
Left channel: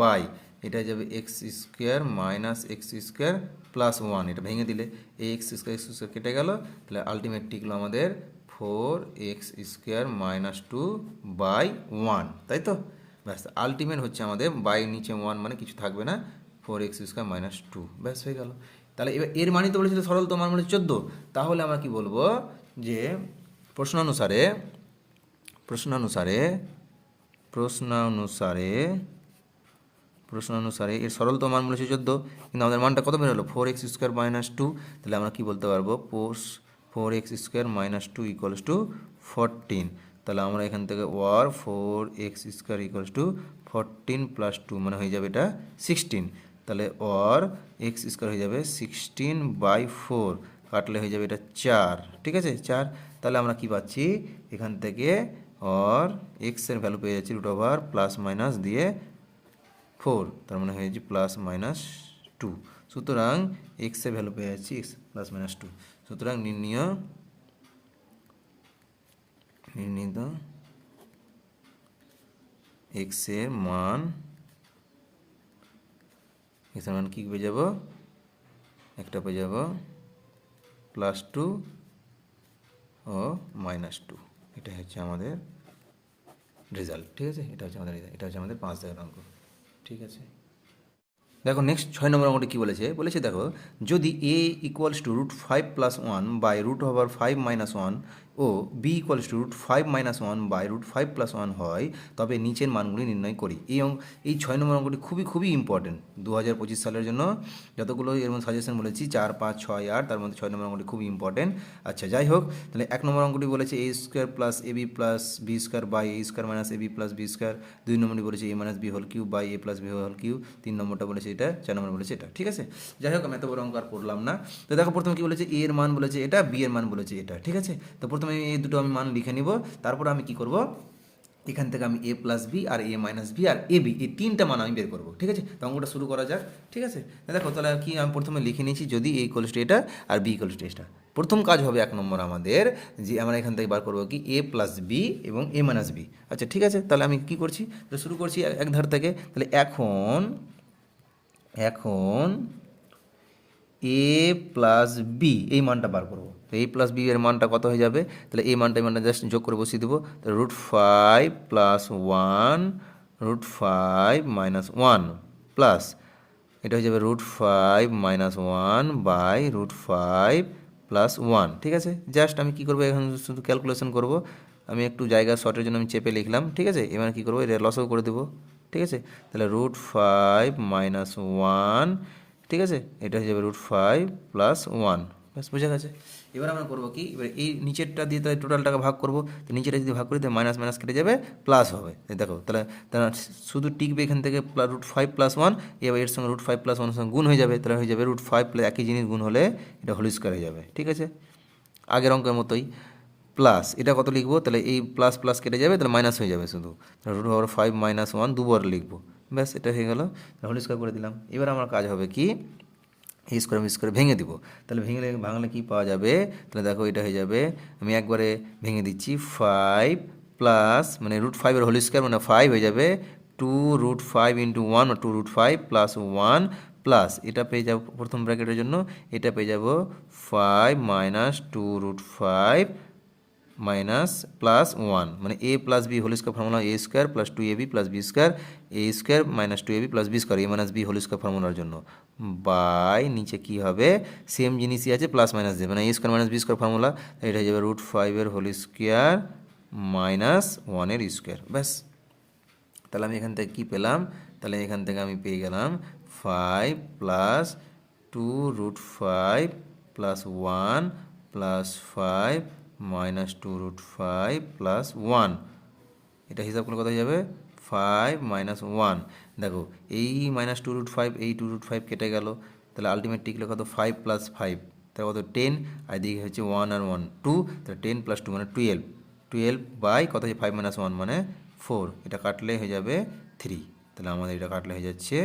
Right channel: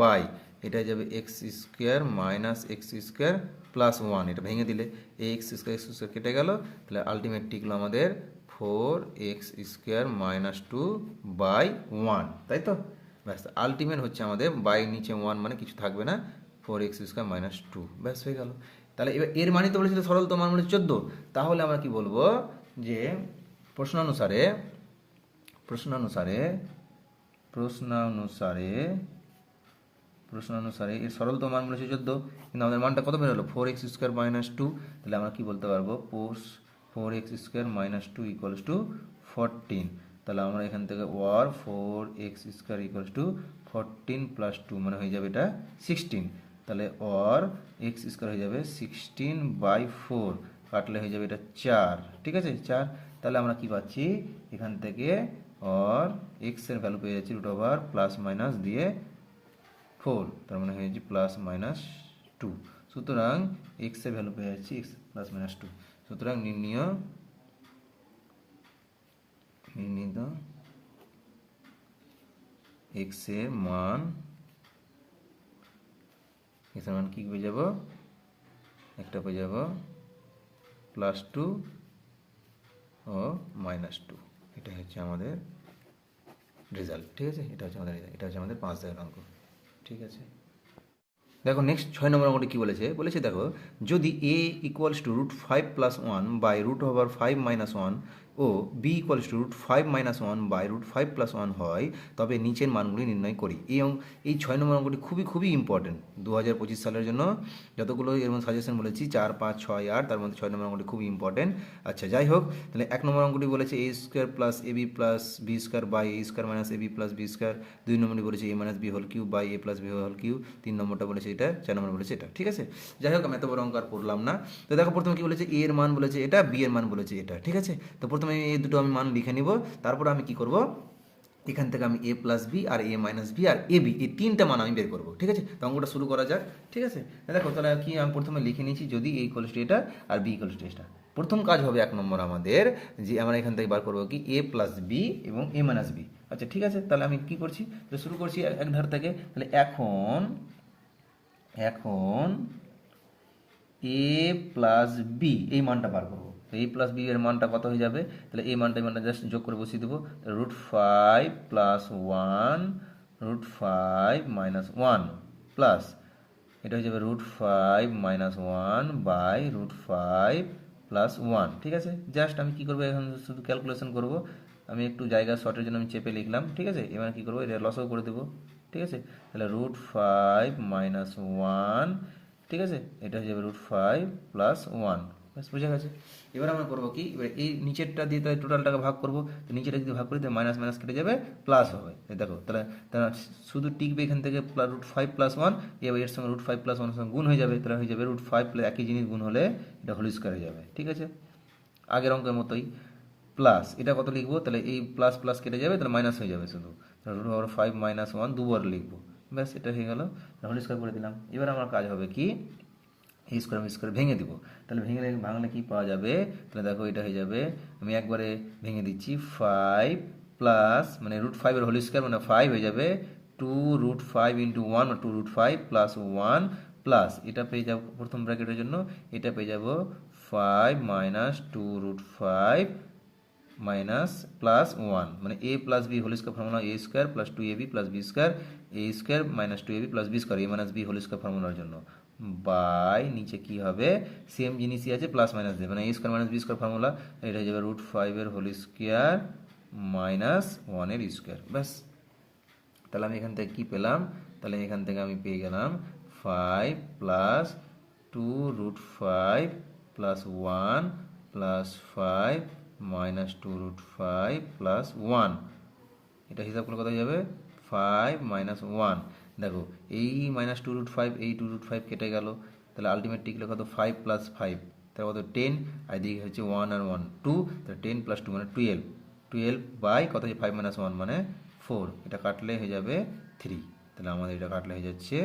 বাই এটা হয়ে যাবে x square minus x square plus 1, এটা ভেঙে দিলে এই এক্স স্কোয়ার কেটে গেল, তাহলে আলটিমেট টিকলো আমাদের 4x স্কোয়ার মাইনাস 2 বাই 1, তাই তো ব্যাস আলটিমেট হচ্ছে আমাদের বাই নিচে 1 মানে কিছু থাকবে না, 4x স্কোয়ার মাইনাস 2, ব্যাস হয়ে গেল। তাহলে এবার এর মানে তো বলেছিল সরল, তো মান বলেছে 14, তাহলে আমরা কি বলবো যে প্রশ্নানুসারে এর সরলতম মান বলেছে 14, কিন্তু আমাদের মানটা কত বের হলো 4x স্কোয়ার মাইনাস 2, তাহলে আমরা কি বলতে পারবো 4x square minus 2 equals to 14, তাহলে আমরা এখান থেকে ওয়ার 4x square equals to 14 plus 2 মানে হয়ে যাবে এটা 16, তাহলে ওয়ার এক্স স্কোয়ার হয়ে যাবে 16/4, কাটলে হয়ে যাবে এটা 4। ঠিক আছে 4, তাহলে আমরা কি পাচ্ছি এখান থেকে और x এর ভ্যালু পেয়ে যাচ্ছি রুট ওভার প্লাস মাইনাস দিয়ে 4, তার মানে হয়ে যাচ্ছে প্লাস মাইনাস 2, সুতরাং x এর ভ্যালু পেয়ে যাচ্ছি x প্লাস মাইনাস 2, সুতরাং নির্ণীত x এর মান কি পেয়ে যাব, একটা পেয়ে যাব +2 ও -2, এটা হচ্ছে আমাদের রেজাল্ট। ঠিক আছে, এটা হচ্ছে আমাদের 5 দাগের অঙ্ক। ঠিক আছে, দেখো নেক্সট 6 নম্বর অঙ্কটি কী বলেছে দেখো যদি a ইকুয়ালস টু √5 + 1 বাই √5 - 1 ও b ইকুয়ালস টু √5 - 1 বাই √5 + 1 হয় তবে নিচের মানগুলি নির্ণয় করি। এই 6 নম্বর অঙ্কটি খুবই খুবই ইম্পর্টেন্ট 2025 সালের জন্য। যতগুলো এর মধ্যে সাজেশন বলেছি 4, 5, 6, 8, তার মধ্যে 6 নম্বর অঙ্কটি খুবই ইম্পর্টেন্ট। আচ্ছা যাই হোক, তাহলে 1 নম্বর অঙ্কটি বলেছে a² + ab + b² by a² - ab + b²। 2 নম্বরটি বলেছে a - b whole cube by a + b whole cube. 3 নম্বরটা বলেছে এটা, 4 নম্বর বলেছে এটা। ঠিক আছে, যাই হোক আমি এত বড় অঙ্ক আর পড়লাম না। তো দেখো প্রথমে কি বলেছে, a এর মান বলেছে এটা, b এর মান বলেছে এটা। ঠিক আছে, তো প্রথমে এই দুটো আমি মান লিখে নিব, তারপর আমি কি করব, এখান থেকে আমি a + b R a - b R ab এই তিনটা মান আমি বের করবো। ঠিক আছে, তো অঙ্কটা শুরু করা যাক। ঠিক আছে, দেখো তাহলে কি আমি প্রথমে লিখে নিয়েছি, যদি a ইকুয়ালস টু এটা আর b ইকুয়ালস টু এটা। প্রথম কাজ হবে 1 নম্বর আমাদের, যে আমরা এখান থেকে বার করবো কি a + b এবং a - b। আচ্ছা ঠিক আছে, তাহলে আমি কি করছি, তাহলে শুরু করছি এক ধার থেকে। তাহলে এখন a + b এই মানটা বার করবো। তো a + b এর মানটা কত হয়ে যাবে, তাহলে এই মানটা জাস্ট যোগ করে বসিয়ে দেবো। তাহলে √5 + 1 √5 - 1 প্লাস এটা হয়ে যাবে √5 - 1 বাই √5 + 1। ঠিক আছে, জাস্ট আমি কি করবো, এখন শুধু ক্যালকুলেশন করব। আমি একটু জায়গা শর্টের জন্য আমি চেপে লিখলাম। ঠিক আছে, এবার কী করবো, এটা লসও করে দেবো। ঠিক আছে, তাহলে √5 - 1, ঠিক আছে, এটা হয়ে যাবে √5 + 1। ব্যাস বুঝে গেছে। এবার আমরা করবো কি, এবার এই নিচেরটা দিয়ে তাহলে টোটালটাকে ভাগ করবো। তো নিচেটা যদি ভাগ করি তাহলে মাইনাস মাইনাস কেটে যাবে, প্লাস হবে। দেখো তাহলে তাহলে শুধু টিকবে এখান থেকে √5 + 1, এবার এর সঙ্গে √5 + 1 এর সঙ্গে গুণ হয়ে যাবে। তাহলে হয়ে যাবে √5 একই জিনিস গুণ হলে এটা হোল স্কোয়ার হয়ে যাবে। ঠিক আছে, আগের অঙ্কের মতোই। প্লাস এটা কত লিখবো, তাহলে এই প্লাস প্লাস কেটে যাবে, তাহলে মাইনাস হয়ে যাবে শুধু। √5 - 1 দুবার লিখবো, ব্যাস এটা হয়ে গেল, হোল স্কোয়ার করে দিলাম। এবার আমার কাজ হবে কি, এই স্কোয়ার আমি স্কোয়ার ভেঙে দিব। তাহলে ভাঙলে কি পাওয়া যাবে, তাহলে দেখো এটা হয়ে যাবে, আমি একবারে ভেঙে দিচ্ছি। 5 প্লাস মানে √5 এর হোল স্কোয়ার মানে 5 হয়ে যাবে 2√5 × 1 2√5 + 1 প্লাস এটা পেয়ে যাব প্রথম ব্র্যাকেটের জন্য, এটা পেয়ে যাব 5 - 2√5 মাইনাস প্লাস 1 মানে a + b whole square formula a² + 2ab + b² a² - 2ab + b² a - b whole square ফর্মুলার জন্য বাই নিচে কি হবে, সেম জিনিসই আছে, প্লাস মাইনাস দেবে মানে a² - b² ফর্মুলা, এটা হয়ে যাবে √5 এর হোল স্কোয়ার - 1 এর স্কোয়ার। ব্যাস, তাহলে আমি এখান থেকে কী পেলাম, তাহলে এখান থেকে আমি পেয়ে গেলাম 5 + 2√5 + 1 + 5 - 2√5 + 1। এটা হিসাব করলে কত হয়ে যাবে, 5 - 1। দেখো এই -2√5 এই 2√5 কেটে গেল, তাহলে আলটিমেট টিকলে কত, 5 + 5 তাহলে কত 10, আর এদিকে হচ্ছে 1 আর 1 2, তাহলে 10 + 2 মানে 12 12 বাই কত হচ্ছে 5 - 1 মানে 4, এটা কাটলে হয়ে যাবে 3। তাহলে আমাদের এটা কাটলে হয়ে যাচ্ছে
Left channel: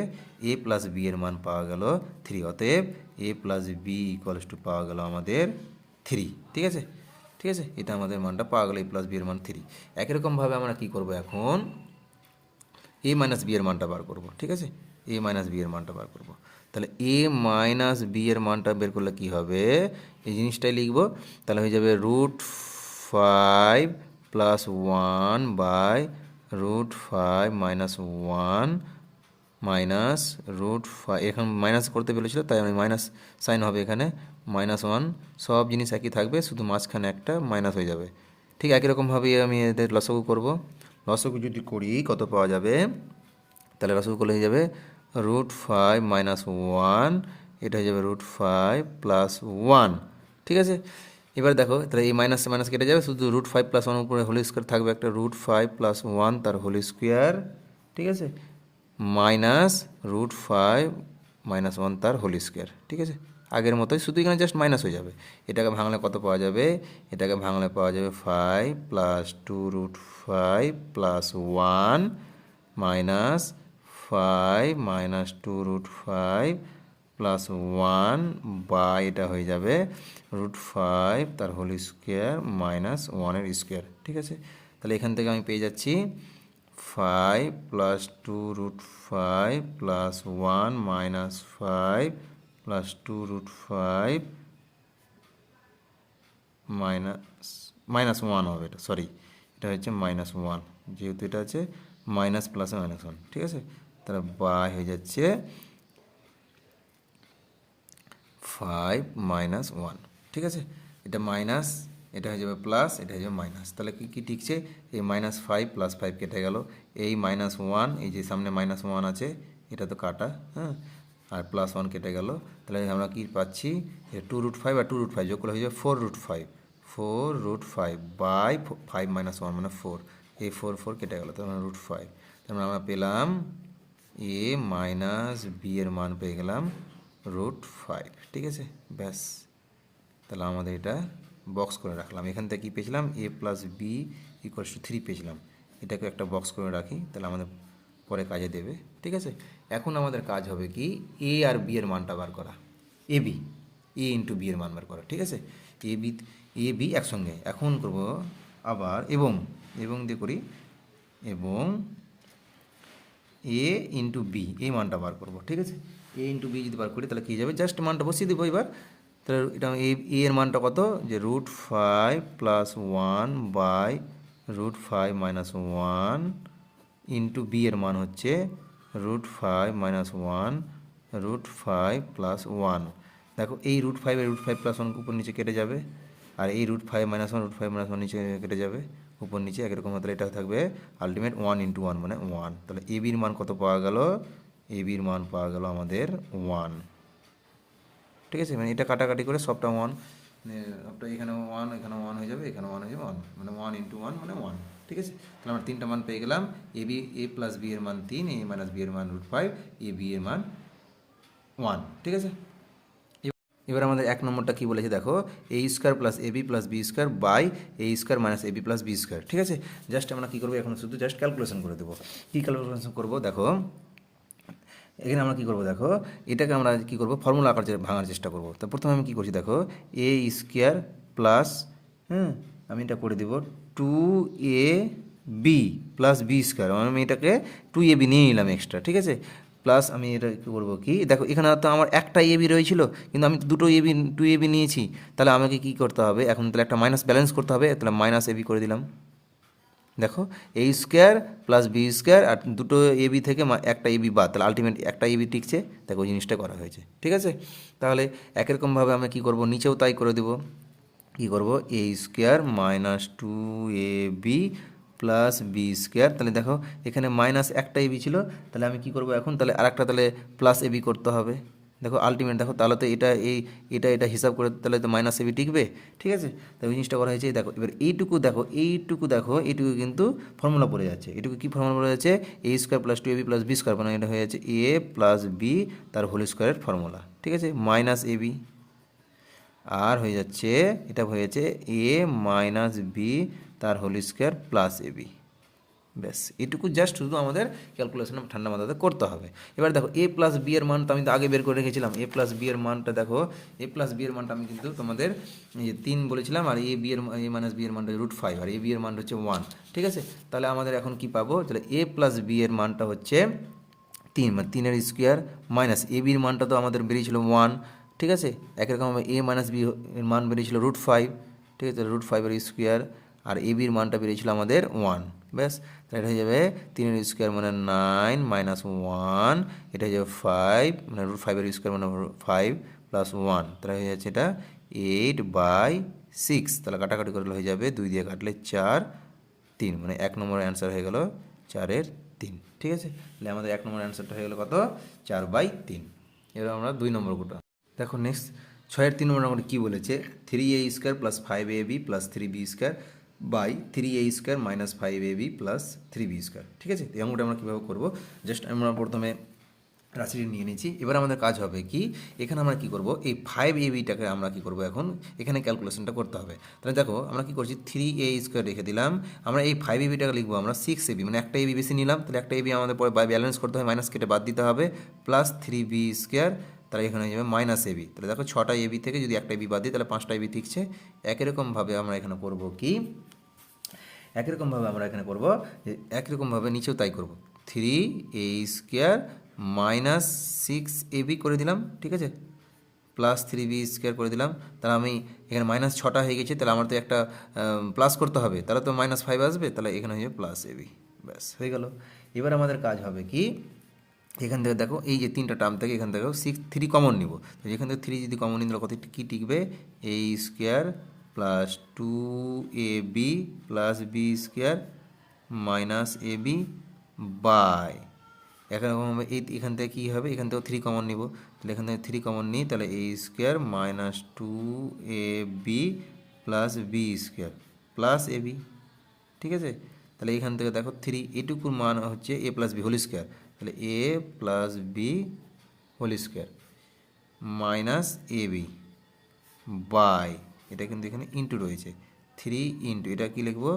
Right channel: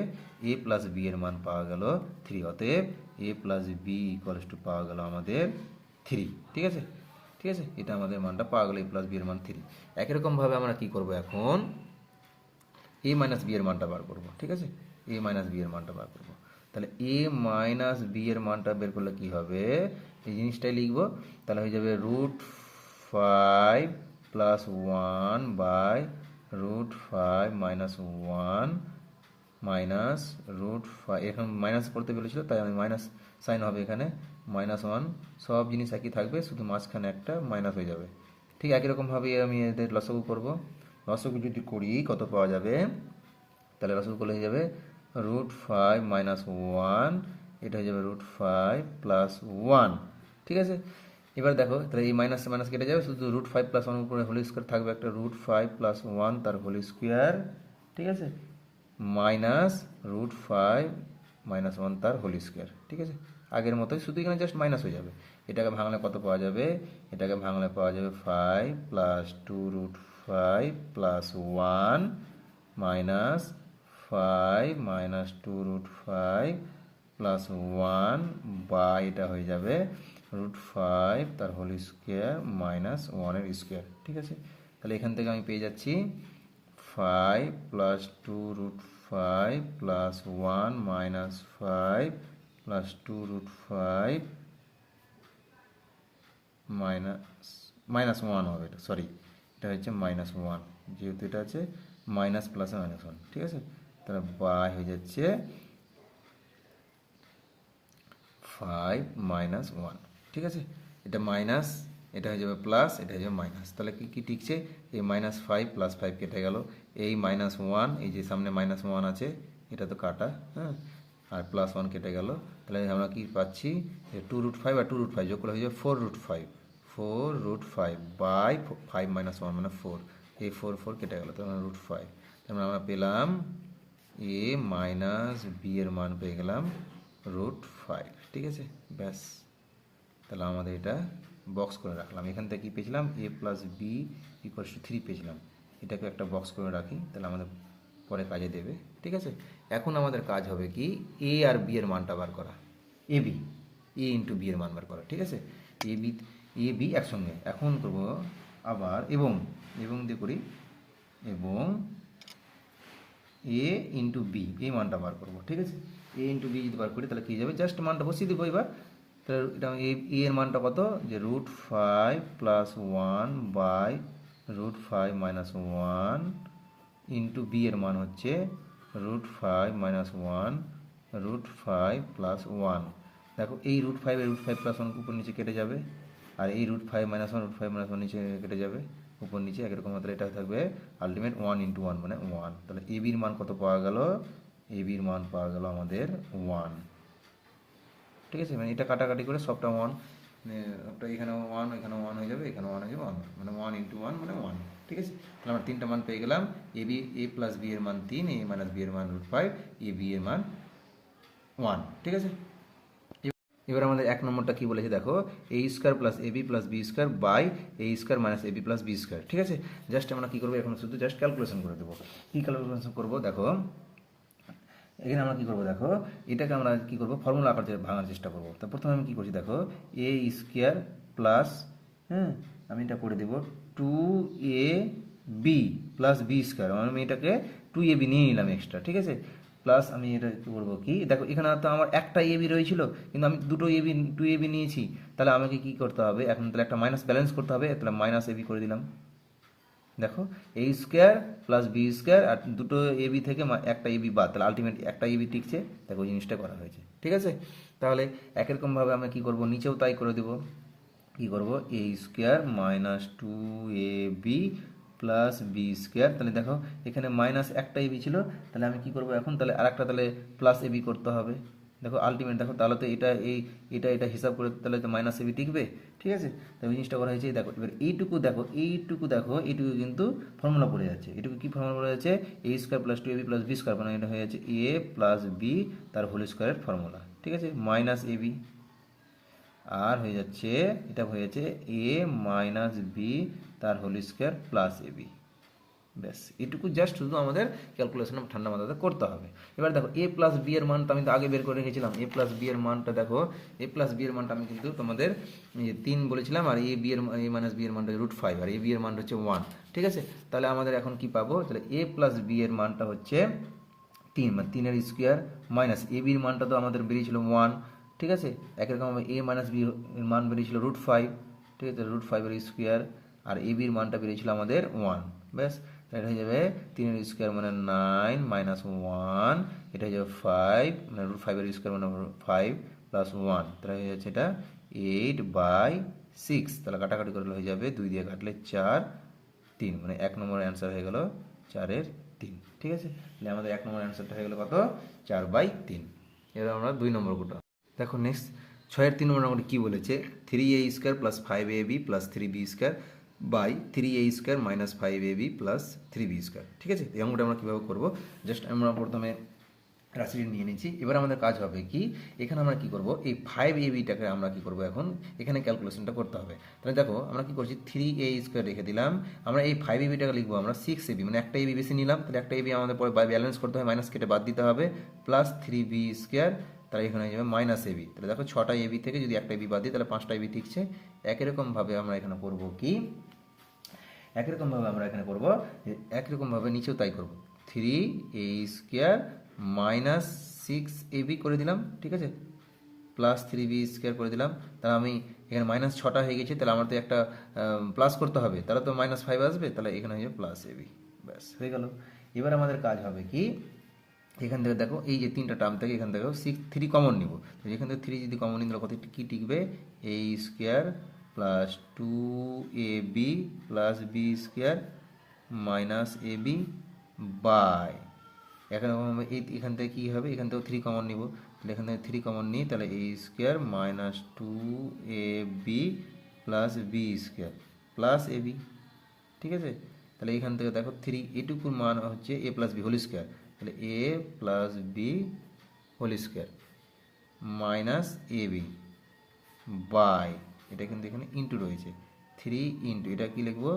a + b এর মান পাওয়া গেল 3। অতএব a + b = পাওয়া গেল আমাদের 3। ঠিক আছে, ঠিক আছে, এটা আমাদের মানটা পাওয়া গেল, a + b এর মান 3। একই রকমভাবে আমরা কী করবো, এখন a - b এর মানটা বার করব। ঠিক আছে, a - b এর মানটা বার করব। তাহলে a - b এর মানটা বের করলে কি হবে, এই জিনিসটাই লিখব। তাহলে হয়ে যাবে √5 + 1 বাই √5 - 1 মাইনাস √5, এখন মাইনাস করতে বলেছিল তাই আমি মাইনাস সাইন হবে এখানে, -1, সব জিনিস একই থাকবে, শুধু মাঝখানে একটা মাইনাস হয়ে যাবে। ঠিক একই রকমভাবে আমি এদের লসাগু করব। লসাগু যদি করি কত পাওয়া যাবে, তাহলে লসাগু করলে হয়ে যাবে √5 - 1, এটা হয়ে যাবে √5 + 1। ঠিক আছে, এবার দেখো তাহলে এই মাইনাস মাইনাস কেটে যাবে, শুধু √5 + 1 উপরে হোল স্কোয়ার থাকবে, একটা √5 + 1 তার হোল স্কোয়ার। ঠিক আছে, মাইনাস √5 - 1 তার হোল স্কোয়ার। ঠিক আছে, আগের মতোই, শুধু এখানে জাস্ট মাইনাস হয়ে যাবে। এটাকে ভাঙলে কত পাওয়া যাবে, এটাকে ভাঙলে পাওয়া যাবে 5 + 2√5 + 1 মাইনাস 5 - 2√5 + 1 বা এটা হয়ে যাবে √5 তার হোল স্কোয়ার - 1 এর স্কোয়ার। ঠিক আছে, তাহলে এখান থেকে আমি পেয়ে যাচ্ছি 5 + 2√5 + 1 - 5 + 2√5 -1 হবে, এটা সরি, এটা হচ্ছে -1, যেহেতু এটা আছে মাইনাস প্লাসে -1। ঠিক আছে, তাহলে বাই হয়ে যাচ্ছে 5 মাইনাস 1, ঠিক আছে, এটা মাইনাস, এটা হয়ে যাবে প্লাস, এটা হয়ে যাবে মাইনাস, তাহলে কি কি টিকছে, এই -5 + 5 কেটে গেল, এই -1, এই যে সামনে -1 আছে এটা তো কাটা, হ্যাঁ, আর +1 কেটে গেল, তাহলে আমরা কি পাচ্ছি, 2√5 আর 2√5 যোগ করলে হয়ে যাবে 4√5 বাই 5 - 1 মানে 4, এই 4 কেটে গেল, তাহলে √5, তাহলে আমরা পেলাম a মাইনাস বি এর মান পেয়ে গেলাম √5, ঠিক আছে, ব্যাস, তাহলে আমাদের এটা বক্স করে রাখলাম, এখান থেকে কী পেয়েছিলাম, a + b = 3 পেয়েছিলাম, এটাকে একটা বক্স করে রাখি, তাহলে আমাদের পরে কাজে দেবে, ঠিক আছে। এখন আমাদের কাজ হবে কি, a আর b এর মানটা বার করা, a ইন্টু b এর মান বার করা, ঠিক আছে, এ বি একসঙ্গে, এখন করব আবার এবং দিয়ে করি, এবং এ ইন্টু বি এই মানটা বার করবো, ঠিক আছে, এ ইন্টু বি যদি বার করি তাহলে কী যাবে, জাস্ট মানটা বসিয়ে দেবো এবার, তাহলে এটা এ এর মানটা কত, যে √5 + 1 বাই √5 - 1 ইন্টু বি এর মান হচ্ছে √5 - 1 √5 + 1, দেখো এই √5 এর √5 + 1 উপর নিচে কেটে যাবে, আর এই √5 - 1 √5 - 1 নিচে কেটে যাবে, উপর নিচে একরকম, তাহলে এটা থাকবে আলটিমেট 1 × 1 মানে 1, তাহলে এ বির মান কত পাওয়া গেল, এ বির মান পাওয়া গেল আমাদের 1, ঠিক আছে, মানে এটা কাটাকাটি করে সবটা 1, মানে সবটা এখানে 1 এখানে 1 হয়ে যাবে, এখানে 1 হয়ে যাবে 1, মানে 1 × 1 মানে 1, ঠিক আছে, তাহলে আমরা তিনটা মান পেয়ে গেলাম, a + b এর মান 3, a - b এর মান √5, a b এর মান 1, ঠিক আছে। এবার আমাদের এক নম্বরটা কি বলেছে দেখো, a² + ab + b² by a² - ab + b², ঠিক আছে, জাস্ট আমরা কী করবো, এখন শুধু জাস্ট ক্যালকুলেশন করে দেবো, কী ক্যালকুলেশন করবো দেখো, এখানে আমরা কী করবো দেখো, এটাকে আমরা কী করবো, ফর্মুলা আকার ভাঙার চেষ্টা করবো, তো প্রথমে আমি কী করছি দেখো, a² প্লাস, হ্যাঁ, আমি এটা করে দেবো 2ab + b², আমি এটাকে 2ab নিয়ে নিলাম এক্সট্রা, ঠিক আছে, প্লাস আমি এটা কী করবো কি দেখো, এখানে তো আমার একটা এবি রয়েছিল, কিন্তু আমি দুটো এবি 2ab নিয়েছি, তাহলে আমাকে কী করতে হবে এখন, তাহলে একটা মাইনাস ব্যালেন্স করতে হবে, তাহলে -ab করে দিলাম, দেখো a² + b² আর দুটো এবি থেকে একটা এবি বাদ, তাহলে আলটিমেট একটা এবি টিকছে, দেখো ওই জিনিসটা করা হয়েছে, ঠিক আছে, তাহলে একরকমভাবে আমরা কী করবো, নিচেও তাই করে দেবো, কী করবো, a² - 2ab + b², তাহলে দেখো এখানে মাইনাস একটা এবি ছিল, তাহলে আমি কী করবো এখন, তাহলে আরেকটা তাহলে +ab করতে হবে, দেখো আলটিমেট দেখো, তাহলে তো এটা হিসাব করে তাহলে তো -ab টিকবে, ঠিক আছে, তাই ওই জিনিসটা করা হয়েছে, দেখো এবার এইটুকু এইটুকু কিন্তু ফর্মুলা পড়ে যাচ্ছে, এইটুকু কী ফর্মুলা পড়ে যাচ্ছে, a² + 2ab + b², মানে এটা হয়ে যাচ্ছে a + b তার হোল স্কোয়ারের ফর্মুলা, ঠিক আছে, -ab, আর হয়ে যাচ্ছে এটা হয়ে যাচ্ছে a - b তার হোল স্কোয়ার +ab, ব্যাস এটুকু জাস্ট শুধু আমাদের ক্যালকুলেশন ঠান্ডা মাথাতে করতে হবে। এবার দেখো a + b এর মানটা আমি তো আগে বের করে রেখেছিলাম, a + b এর মানটা দেখো, a + b এর মানটা আমি কিন্তু তোমাদের 3 বলেছিলাম, আর a - b এর মানটা √5, আর a b এর মানটা হচ্ছে 1, ঠিক আছে, তাহলে আমাদের এখন কি পাবো, তাহলে a + b এর মানটা হচ্ছে 3, মানে 3 এর স্কোয়ার, মাইনাস a b এর মানটা তো আমাদের বেরিয়েছিল 1, ঠিক আছে, একই রকমভাবে a - b এর মান বেরিয়েছিল √5, ঠিক আছে, √5 এর স্কোয়ার, আর a b এর মানটা বেরিয়েছিল আমাদের 1, ব্যাস, তাহলে এটা হয়ে যাবে 3 এর স্কোয়ার মানে 9 -1, এটা হয়ে যাবে 5, মানে √5 এর স্কোয়ার মানে 5 + 1, তাহলে হয়ে যাচ্ছে এটা 8/6, তাহলে কাটাকাটি করলে হয়ে যাবে 2 দিয়ে কাটলে 4, 3, মানে 1 নম্বর অ্যান্সার হয়ে গেল 4/3, ঠিক আছে, তাহলে আমাদের 1 নম্বর অ্যান্সারটা হয়ে গেল কত, 4/3। এবার আমরা 2 নম্বর কোটা দেখো, নেক্সট 6-এর 3 নম্বর কী বলেছে, 3a² + 5ab + 3b² by 3a² - 5ab + 3b², ঠিক আছে, এমনটা আমরা কীভাবে করবো, জাস্ট আমরা প্রথমে রাশিটি নিয়ে নিচ্ছি, এবার আমাদের কাজ হবে কি, এখানে আমরা কি করব, এই 5ab-টাকে আমরা কি করব, এখন এখানে ক্যালকুলেশনটা করতে হবে, তাহলে দেখো আমরা কি করছি, 3a² রেখে দিলাম, আমরা এই 5ab-টাকে লিখবো আমরা 6ab, মানে একটা ab বেশি নিলাম, তাহলে একটা ab আমাদের পরে ব্যালেন্স করতে হবে, মাইনাস কেটে বাদ দিতে হবে, প্লাস 3b², তাহলে এখানে হয়ে যাবে -ab, তাহলে দেখো 6টা ab থেকে যদি একটা ab বাদ দিই তাহলে 5টা ab ঠিকছে, একই রকমভাবে আমরা এখানে করব কি, একই রকমভাবে আমরা এখানে করব, একই রকমভাবে নিচেও তাই করব, 3a² - 6ab করে দিলাম, ঠিক আছে, প্লাস 3b² করে দিলাম, তাহলে আমি এখানে -6টা হয়ে গেছে, তাহলে আমার তো একটা প্লাস করতে হবে, তাহলে তো -5 আসবে, তাহলে এখানে হয়ে যাবে +ab, ব্যাস হয়ে গেল। এবার আমাদের কাজ হবে কি, এখান থেকে দেখো এই যে তিনটা টার্ম থেকে এখান থেকেও 3 কমন নিব, তো এখান থেকে 3 যদি কমন নিই তাহলে কত কী টিকবে, a square plus 2ab plus b square minus a b by, এখানে এখান থেকে কী হবে, এখান থেকেও 3 কমন নিব, তাহলে এখান থেকে 3 কমন নিই, তাহলে a square minus 2ab plus b square plus a b. ঠিক আছে, তাহলে এখান থেকে দেখো 3 এটুকুর মান হচ্ছে a plus b whole square, তাহলে a plus b whole square minus a b by, এটা কিন্তু এখানে ইন্টু রয়েছে 3 ইন্টু এটা কি লিখবো,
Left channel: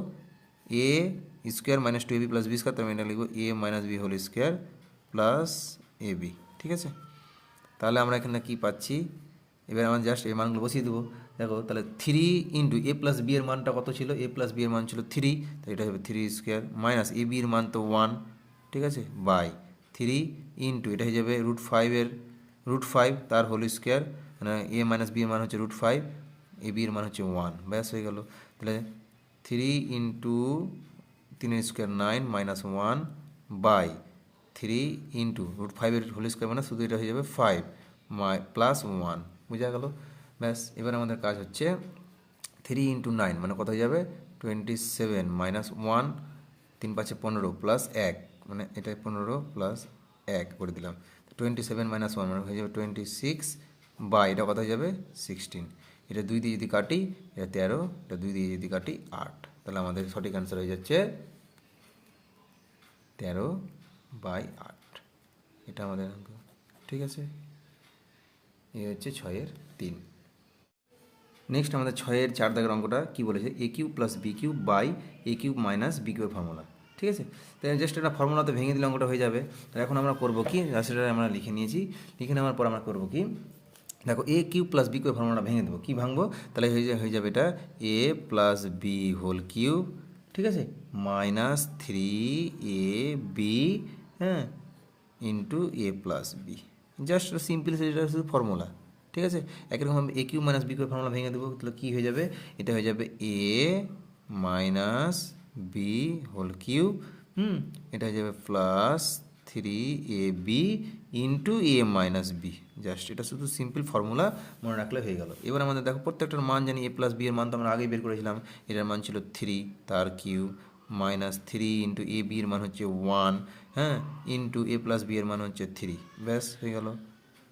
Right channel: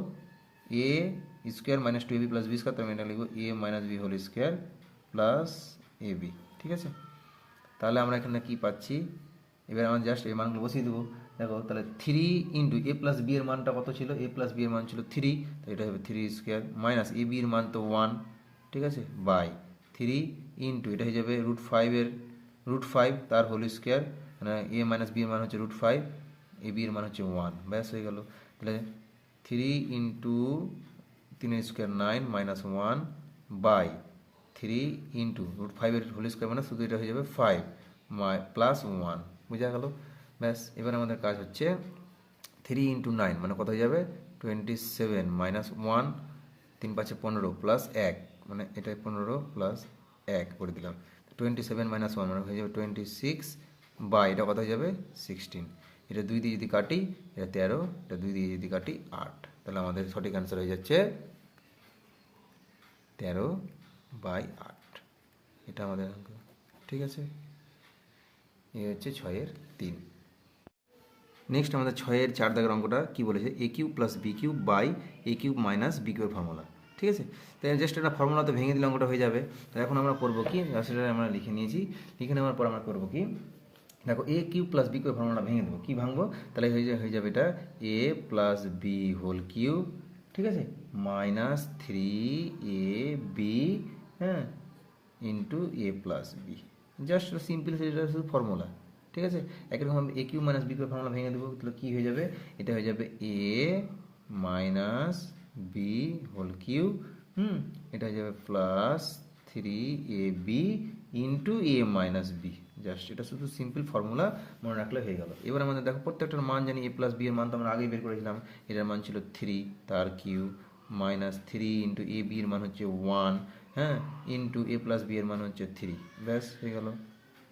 a square minus 2ab plus b square, তার মানে এটা লিখবো a minus b whole square plus a b. ঠিক আছে, তাহলে আমরা এখানে কি পাচ্ছি, এবার আমরা জাস্ট এই মানগুলো বসিয়ে দেবো। দেখো তাহলে 3 ইন্টু এ প্লাস বি এর মানটা কত ছিল, এ প্লাস বি এর মান ছিল 3, তাই এটা হবে 3 স্কোয়ার মাইনাস এ বি এর মান তো 1, ঠিক আছে, বাই 3 ইন্টু এটা হয়ে যাবে √5 তার হোল স্কোয়ার, মানে এ মাইনাস বি এর মান হচ্ছে √5, এ বি এর মান হচ্ছে 1, ব্যাস হয়ে গেল। তাহলে 3 into 3 square 9 minus 1 by 3 into √5 এর হোল স্কোয়ার মানে শুধু এটা হয়ে যাবে 5 প্লাস 1, বোঝা গেল। ব্যাস এবার আমাদের কাজ হচ্ছে 3 ইন্টু 9 মানে কত হয়ে যাবে 27 মাইনাস 1, 3 5 15 প্লাস 1 মানে এটা 15 প্লাস 1 করে দিলাম, 27 মাইনাস 1 মানে হয়ে যাবে 26 বা এটা কত হয়ে যাবে 16, এটা 2 দিয়ে যদি কাটি এটা 13, এটা 2 দিয়ে যদি কাটি 8, তাহলে আমাদের সঠিক অ্যান্সার হয়ে যাচ্ছে 13/8, এটা আমাদের অঙ্ক। ঠিক আছে, এই হচ্ছে 6-3। নেক্সট আমাদের 6-4 দাগের অঙ্কটা কী বলেছে, a cube plus b cube by a cube minus b কিউবের ফর্মুলা। ঠিক আছে, তাই জাস্ট একটা ফর্মুলাতে ভেঙে দিলে অঙ্কটা হয়ে যাবে। তো এখন আমরা করবো কি, সেটা আমরা লিখে নিয়েছি, লিখে নেওয়ার পর আমরা করবো কি, দেখো এ কিউব প্লাস বি কিউবের ফর্মুলাটা ভেঙে দেবো, কী ভাঙবো, তাহলে হয়ে যাবে এটা a plus b whole cube, ঠিক আছে, মাইনাস 3ab, হ্যাঁ, into a plus b, just simple সেটা শুধু ফর্মুলা। ঠিক আছে, একই রকম a cube minus b cube formula ভেঙে দেবো, তাহলে কী হয়ে যাবে, এটা হয়ে যাবে a minus b whole cube, এটা হয়ে যাবে plus 3ab into a minus b, just এটা শুধু সিম্পল ফর্মুলা মনে রাখলে হয়ে গেল। এবার আমাদের দেখো প্রত্যেকটার মান জানি, এ প্লাস বি এর মান তো আমরা আগেই বের করেছিলাম, এটার মান ছিল 3 তার Q minus 3 into A B এর মান হচ্ছে 1, হ্যাঁ, ইন্টু এ প্লাস বি এর মান হচ্ছে 3, ব্যাস হয়ে গেল।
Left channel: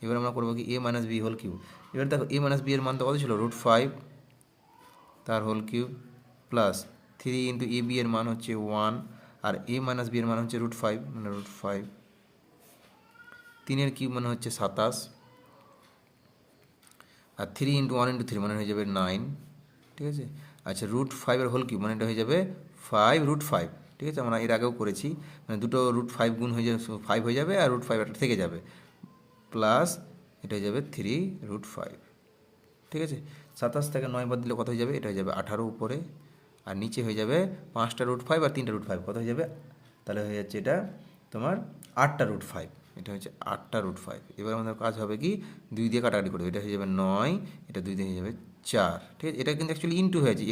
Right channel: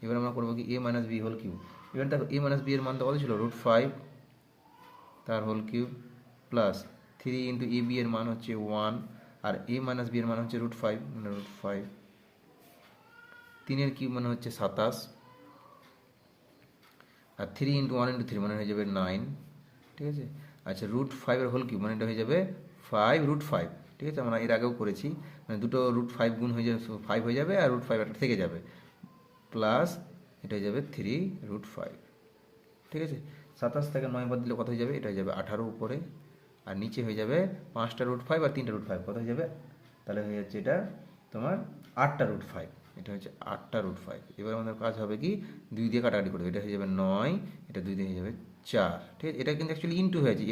এবার আমরা করবো কি এ মাইনাস বি হোল কিউব, এবার দেখো এ মাইনাস বি এর মান তো কত ছিল √5 তার whole cube plus 3 into A B এর মান হচ্ছে 1, আর এ মাইনাস বি এর মান হচ্ছে √5 মানে √5, 3 এর কিউব মানে হচ্ছে 27, আর 3 ইন্টু 1 ইন্টু 3 মানে হয়ে যাবে 9, ঠিক আছে। আচ্ছা √5 এর হোল কিউব মানে এটা হয়ে যাবে 5√5, ঠিক আছে, আমরা এর আগেও করেছি, মানে দুটো √5 গুণ হয়ে যাবে 5 হয়ে যাবে, আর √5 একটা থেকে যাবে, প্লাস এটা হয়ে যাবে 3√5, ঠিক আছে। 27 থেকে 9 বাদ দিলে কত হয়ে যাবে, এটা হয়ে যাবে 18 উপরে, আর নিচে হয়ে যাবে 5টা √5 আর 3টা √5, কত হয়ে যাবে, তাহলে হয়ে যাচ্ছে এটা তোমার 8টা √5, এটা হচ্ছে 8টা √5। এবার আমাদের কাজ হবে কি 2 দিয়ে কাটাকাটি করবে, এটা হয়ে যাবে 9, এটা 2 দিয়ে হয়ে যাবে 4, ঠিক আছে, এটা কিন্তু অ্যাকচুয়ালি ইন্টু হয়েছে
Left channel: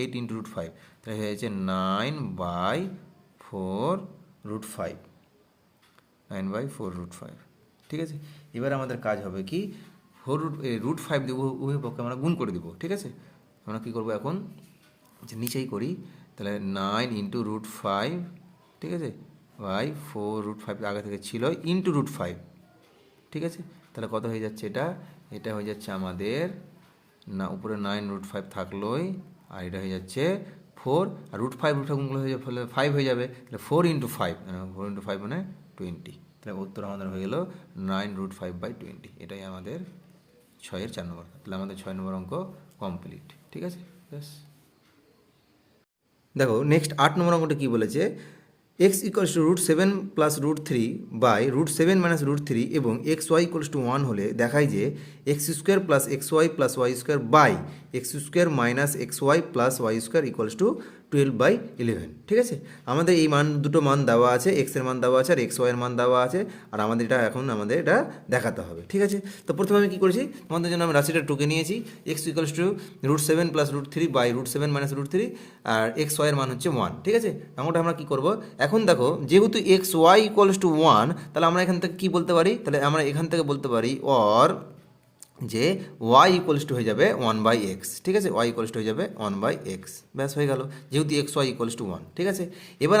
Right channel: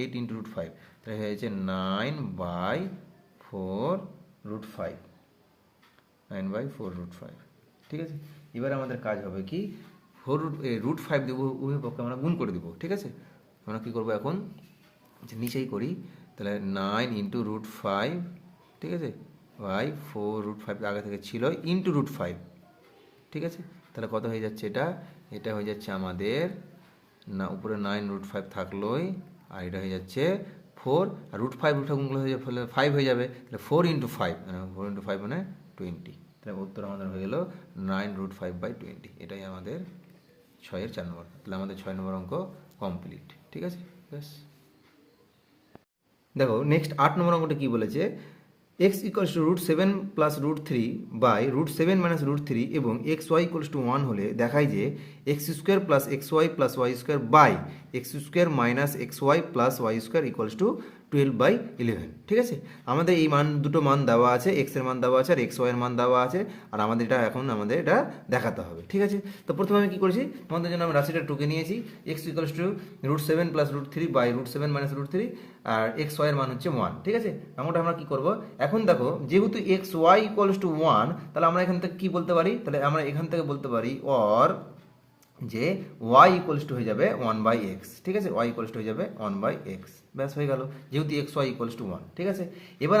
8 ইন্টু √5, তাহলে হয়ে যাচ্ছে 9/4√5, 9/4√5, ঠিক আছে। এবার আমাদের কাজ হবে কি √5 দেবো, উভয় পক্ষে আমরা গুণ করে দেবো, ঠিক আছে। আমরা কী করবো এখন, নিচেই করি, তাহলে 9 ইন্টু √5, ঠিক আছে, বাই 4√5 আগে থেকে ছিল ইন্টু √5, ঠিক আছে, তাহলে কত হয়ে যাচ্ছে এটা, এটা হয়ে যাচ্ছে আমাদের না উপরে 9√5 থাকলোই, আর এটা হয়ে যাচ্ছে 4, আর √5 গুণগুলো হয়ে যাবে 5 হয়ে যাবে, তাহলে 4 ইন্টু 5, 4 ইন্টু 5 মানে 20, তাহলে উত্তর আমাদের হয়ে গেল 9√5/20, এটাই আমাদের 4 নম্বর। তাহলে আমাদের 6 নম্বর অঙ্ক কমপ্লিট, ঠিক আছে, ব্যাস। দেখো নেক্সট 8 নম্বর অঙ্কটা কী বলেছে, x equals to √7 plus √3 by √7 minus √3 এবং xy ইকুয়ালস টু 1 হলে দেখায় যে x square plus x y plus y square by x square minus x y plus y square equals to 12/11। ঠিক আছে, আমাদের এই দুটো মান দেওয়া আছে, এক্স এর মান দেওয়া আছে আর এক্স ওয়াই এর মান দেওয়া আছে, আর আমাদের এটা দেখাতে হবে। ঠিক আছে, তো প্রথমে আমি কী করেছি, তোমাদের জন্য আমি রাশিটা টুকে নিয়েছি। X equals to √7 plus √3 by √7 minus √3, আর এক্স ওয়াই এর মান হচ্ছে 1। ঠিক আছে, এমনটা আমরা কী করবো, এখন দেখো যেহেতু এক্স ওয়াই ইকুয়ালস টু 1, তাহলে আমরা এখান থেকে কী বলতে পারি, তাহলে আমরা এখান থেকে বলতে পারি অর যে y ইকুয়ালস টু হয়ে যাবে 1/x। ঠিক আছে, y ইকুয়ালস টু হয়ে যাবে 1/x, ব্যাস হয়ে গেল, যেহেতু এক্স ওয়াই ইকুয়ালস টু 1। ঠিক আছে, এবার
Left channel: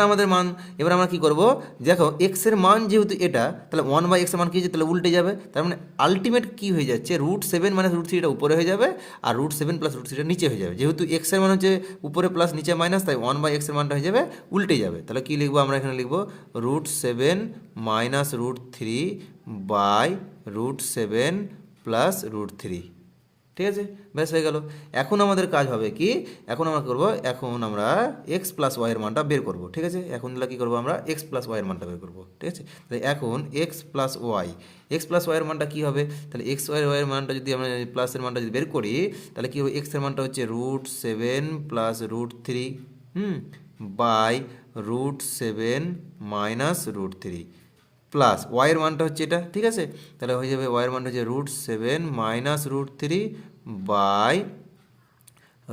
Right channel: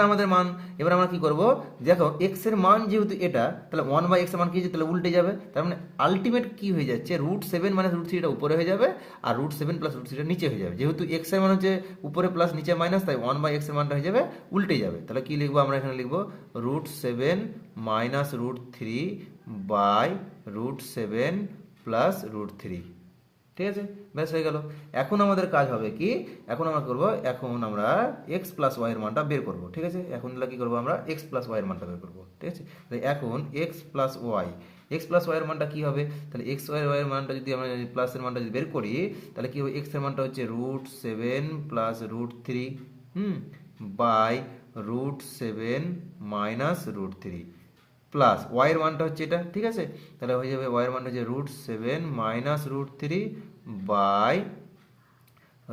আমরা কী করবো, দেখো এক্স এর মান যেহেতু এটা, তাহলে 1/x এর মান কী হচ্ছে, তাহলে উল্টে যাবে, তার মানে আলটিমেট কী হয়ে যাচ্ছে, √7 মাইনাস √3 এটা উপরে হয়ে যাবে, আর √7 প্লাস √3 এটা নিচে হয়ে যাবে। যেহেতু এক্স এর মান হচ্ছে উপরে প্লাস নিচে মাইনাস, তাই 1/x এর মানটা হয়ে যাবে উল্টে যাবে। তাহলে কী লিখবো, আমরা এখানে লিখবো √7 মাইনাস √3 বাই √7 প্লাস √3। ঠিক আছে, ব্যাস হয়ে গেল। এখন আমাদের কাজ হবে কি, এখন আমরা করবো, এখন আমরা এক্স প্লাস ওয়াইয়ের মানটা বের করবো। ঠিক আছে, এখন কী করবো, আমরা এক্স প্লাস ওয়াইয়ের মানটা বের করবো। ঠিক আছে, তাহলে এখন এক্স প্লাস ওয়াইয়ের মানটা কী হবে, তাহলে এক্স ওয়াইয়ের মানটা যদি আমরা প্লাসের মানটা যদি বের করি, তাহলে কী হবে, এক্সের মানটা হচ্ছে √7 প্লাস √3 বাই √7 মাইনাস √3 প্লাস ওয়াইয়ের মানটা হচ্ছে এটা। ঠিক আছে, তাহলে হয়ে যাবে ওয়াইয়ের মানটা হচ্ছে √7 মাইনাস √3 বাই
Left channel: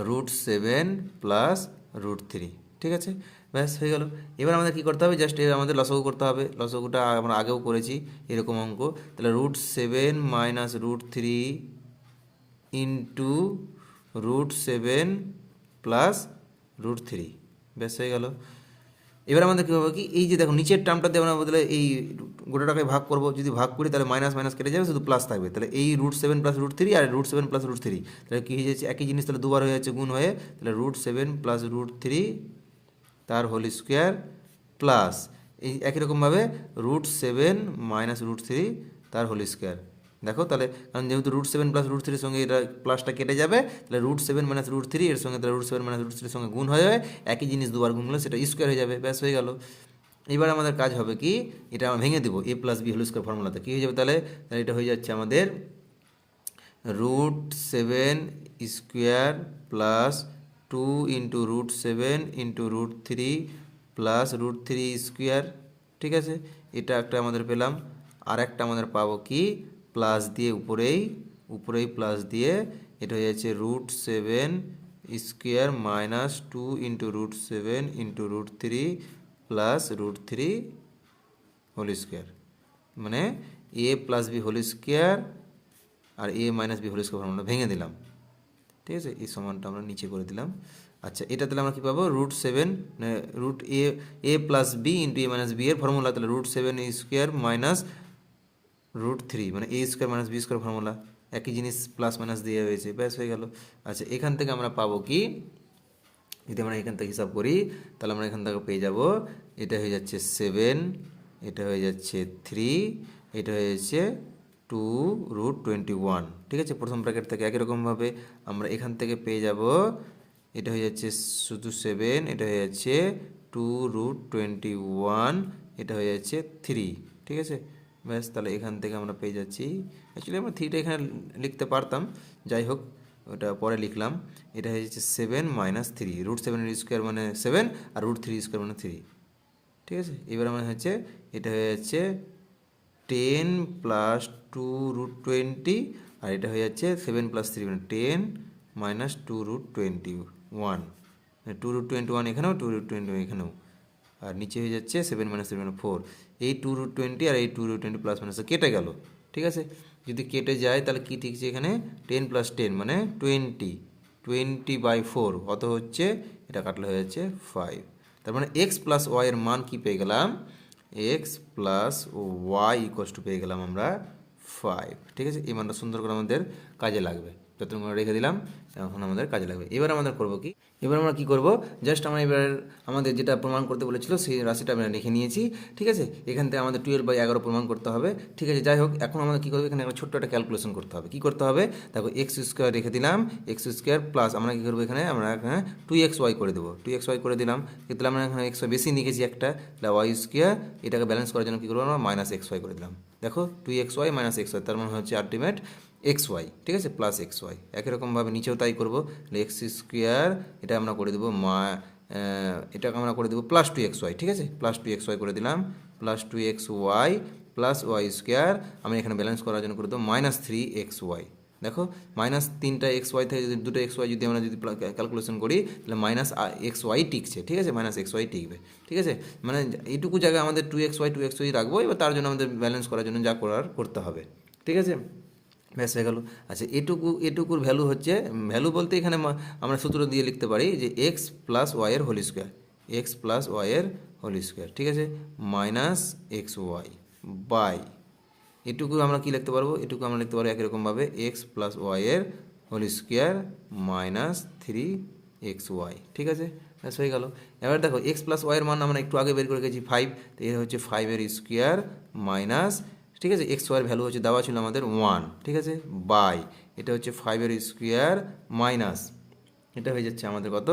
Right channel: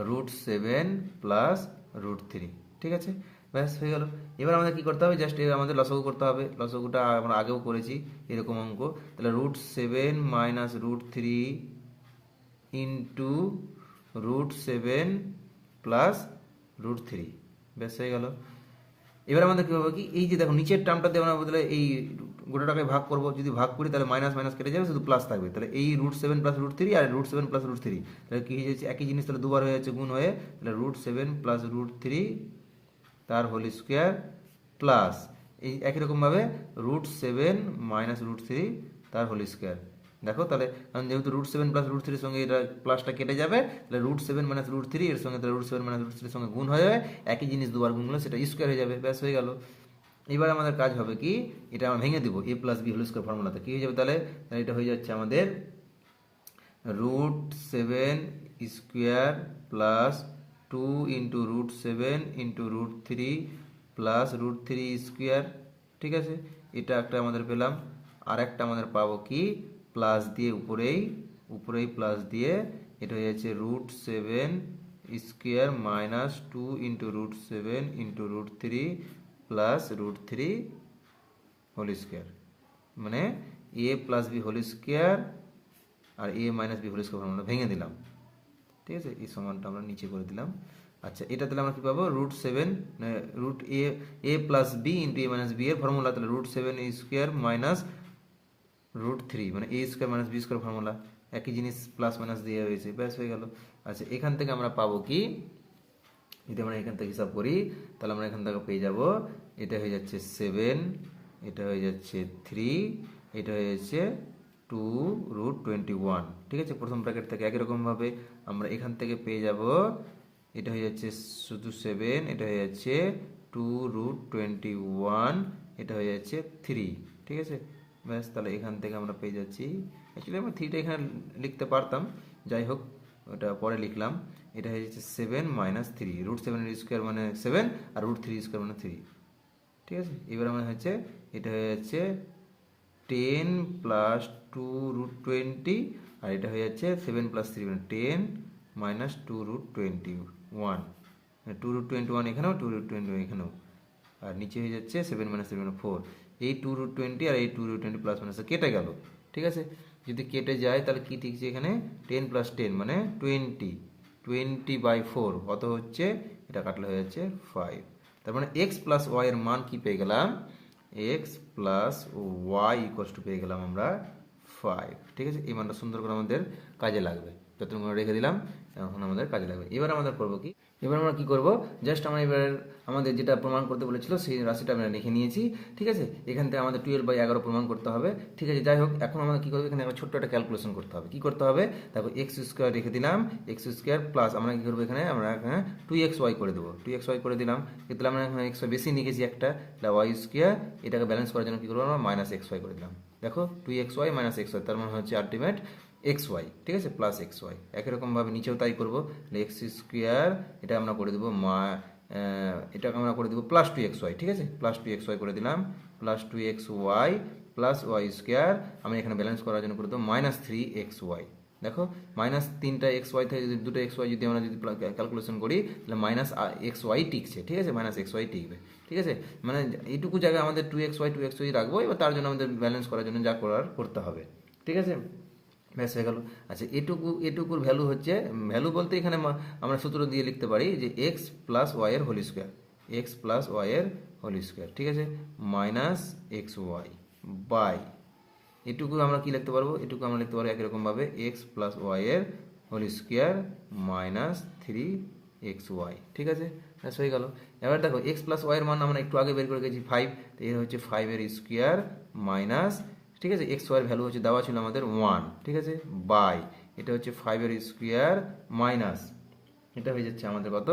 √7 প্লাস √3। ঠিক আছে, ব্যাস হয়ে গেল। এবার আমাদের কী করতে হবে, জাস্ট আমাদের লসাগু করতে হবে। লসাগুটা আমরা আগেও করেছি এরকম অঙ্ক। তাহলে √7 মাইনাস √3 ইন্টু √7 প্লাস √3, ব্যাস হয়ে গেল। এবার আমাদের কী হবে কি, এই যে দেখো নিচের টার্মটা দেওয়ার বদলে এই গোটাটাকে ভাগ করবো, যদি ভাগ করি তাহলে মাইনাস মাইনাস কেটে যাবে, শুধু প্লাস থাকবে। তাহলে এই √7 প্লাস √3 আর √7 প্লাস √3, তাহলে কী হয়ে যাচ্ছে, একই জিনিস তাহলে দুবার হয়ে যাচ্ছে গুণ হয়ে, তাহলে √7 প্লাস √3 তার হোল স্কোয়ার প্লাস এই একই রকমভাবে √7 মাইনাস √3 তার হোল স্কোয়ার। দেখো তাহলে, কারণ যেহেতু √7 প্লাস √3 এর সঙ্গে এটা প্লাসটা কেটে যাবে, তাহলে √7 মাইনাস √3 এর সঙ্গে তাহলে √7 মাইনাস √3 এর সঙ্গে গুণ হয়ে যাবে, একই জিনিস দুবার গুণ করলে সেটা স্কোয়ার হয়ে যাবে, ব্যাস হয়ে গেল। এবার আমাদের কাজ হবে কি, এটা আমরা ভেঙে দেবো a plus b whole square ফর্মুলাতে। কী হয়ে যাবে তাহলে, এটা হয়ে যাচ্ছে আমাদের √7 square plus 2 into √7 into √3 plus √3 square. ঠিক আছে, এটা একটা আমাদের পেলাম। আর একটা আমাদের পাবো কি, প্লাস দিয়ে উপরেই প্লাস দিয়ে, এটা হয়ে যাচ্ছে √7 square minus 2 into √7 into √3 plus √3 whole square, মানে a plus b whole square আর a minus b whole square আমরা ভেঙে দিলাম। ঠিক আছে, এই সমানটা আমরা নিচে করে দিলাম। আচ্ছা, এটা তাহলে আমরা কী পাবো, √7 a plus b into a minus b এর ফর্মুলা, তাহলে √7 স্কোয়ার মাইনাস √3 মানে a square minus b square formula, একই জিনিস প্লাস মাইনাস দিয়ে হয়েছে, ব্যাস হয়ে গেল। আচ্ছা, এখান থেকে আমরা পাবো কি, যদি আমরা এখান থেকে হিসাব করি, তাহলে আমরা এখান থেকে পেয়ে যাব, এটা হয়ে যাচ্ছে 7, এটা হয়ে যাচ্ছে 3, এটা হয়ে যাচ্ছে 2√21। ঠিক আছে, প্রথম ব্র্যাকেট থেকে একই রকমভাবে আমরা এখান থেকে পেয়ে যাব, এটা হয়ে যাচ্ছে শুধু 7, এটা হয়ে যাচ্ছে 2√21, এটা হয়ে যাচ্ছে 3। ঠিক আছে, ব্যাস, তাহলে এখান থেকে আমরা পেয়ে যাচ্ছি, অ্যাকচুয়ালি আমরা 3টা এখানে লিখতে পারতাম, যাই হোক ওটা পরে লিখলাম। এটা হয়ে যাচ্ছে 7 মাইনাস 3, √7 স্কোয়ার মানে 7 আর √3 স্কোয়ার মানে 3। ঠিক আছে, এবার আমার হচ্ছে, এটা হয়ে যাচ্ছে 10 প্লাস 2√20, আর এটা হয়ে যাচ্ছে 7 প্লাস 3 মানে 10 মাইনাস 2√21, 2√21 এখানেও 2√20 এখানেও, আর নিচে হয়ে যাচ্ছে 7 মাইনাস 3 মানে 4। এই 2√20 আর এই 2√20 প্লাস মাইনাস কেটে গেল। ঠিক আছে, যদি কেটে যায় তাহলে কী ঠিকছে, এখানে 10 প্লাস 10 মানে 20/4, অত হচ্ছে, এটা কাটলে হয়ে যাচ্ছে 5। তার মানে এক্স প্লাস ওয়াইয়ের মান কি পেয়ে গেলাম, x plus y equals to পেয়ে গেলাম আমরা 5। ঠিক আছে, এই মানটা সুন্দর করে আমাদের কাজে লাগবে, যতক্ষণ আমরা রেখে দিলাম এখন আমাদের কাজে লাগবে। এবার আমাদের করবো কি, এবার আমরা কী করবো, জাস্ট আমরা এবার আমাদের যেটা প্রমাণ করতে বলেছিল সেই রাশিটা আমরা লিখে নিয়েছি। ঠিক আছে, এখান থেকে আমাদের 12/11 প্রমাণ করতে হবে। ঠিক আছে, যাই হোক, এখন আমাদের কী করবো, এখানে একটা ছোট্ট একটা ক্যালকুলেশন করতে হবে। কী করতে হবে, দেখো এক্স স্কোয়ার রেখে দিলাম, এক্স স্কোয়ার প্লাস আমরা কী করবো, এখানে আমরা এখানে 2xy করে দেবো, 2xy করে দিলাম। কিন্তু আমরা এখানে এক্স বেশি নিয়ে গেছি একটা, তাহলে ওয়াই স্কোয়ার, এটাকে ব্যালেন্স করার জন্য কী করবো, আমরা -xy করে দিলাম। দেখো 2xy - xy, তার মানে হচ্ছে আলটিমেট এক্স ওয়াই, ঠিক আছে, প্লাস এক্স ওয়াই। একই রকমভাবে নিচেও তাই করবো, এক্স স্কোয়ার এটা আমরা করে দেবো এটাকে আমরা করে দেবো প্লাস টু এক্স ওয়াই, ঠিক আছে, প্লাস টু এক্স ওয়াই করে দিলাম, plus two x y plus y square আমি এখানে ব্যালেন্স করার জন্য করে দেবো মাইনাস থ্রি এক্স ওয়াই। দেখো মাইনাস তিনটা এক্স ওয়াই থেকে দুটো এক্স ওয়াই যদি আমরা যদি ক্যালকুলেশন করি তাহলে মাইনাস এক্স ওয়াই টিকছে, ঠিক আছে, মাইনাস এক্স ওয়াই টিকবে, ঠিক আছে। মানে এইটুকু জায়গায় আমাদের টু এক্স ওয়াই রাখবো, এবার তার জন্য আমাদের ব্যালেন্স করার জন্য যা করার করতে হবে, ঠিক আছে, ব্যাস হয়ে গেল। আচ্ছা এটুকুর ভ্যালু হচ্ছে, ভ্যালু বলতে এখানে আমরা সূত্র দিয়ে লিখতে পারি যে এক্স প্লাস ওয়াইয়ের হোল স্কোয়ার, এক্স প্লাস ওয়াইয়ের হোল স্কোয়ার, ঠিক আছে, মাইনাস এক্স ওয়াই বাই এটুকু আমরা কি লিখতে পারবো, এটুকু আমরা লিখতে পারবো একই রকমভাবে এক্স প্লাস ওয়াইয়ের whole square minus three x y, ঠিক আছে, ব্যাস হয়ে গেল। এবার দেখো এক্স প্লাস ওয়াইয়ের মান আমরা একটু আগে বের করে গেছি 5, তো এর হচ্ছে 5-এর স্কোয়ার মাইনাস, ঠিক আছে, এক্স ওয়াইয়ের ভ্যালু হচ্ছে দেওয়া ছিল আমাদের 1, ঠিক আছে, বাই এটা হচ্ছে 5-এর স্কোয়ার মাইনাস এটা হয়ে যাচ্ছে আমাদের কত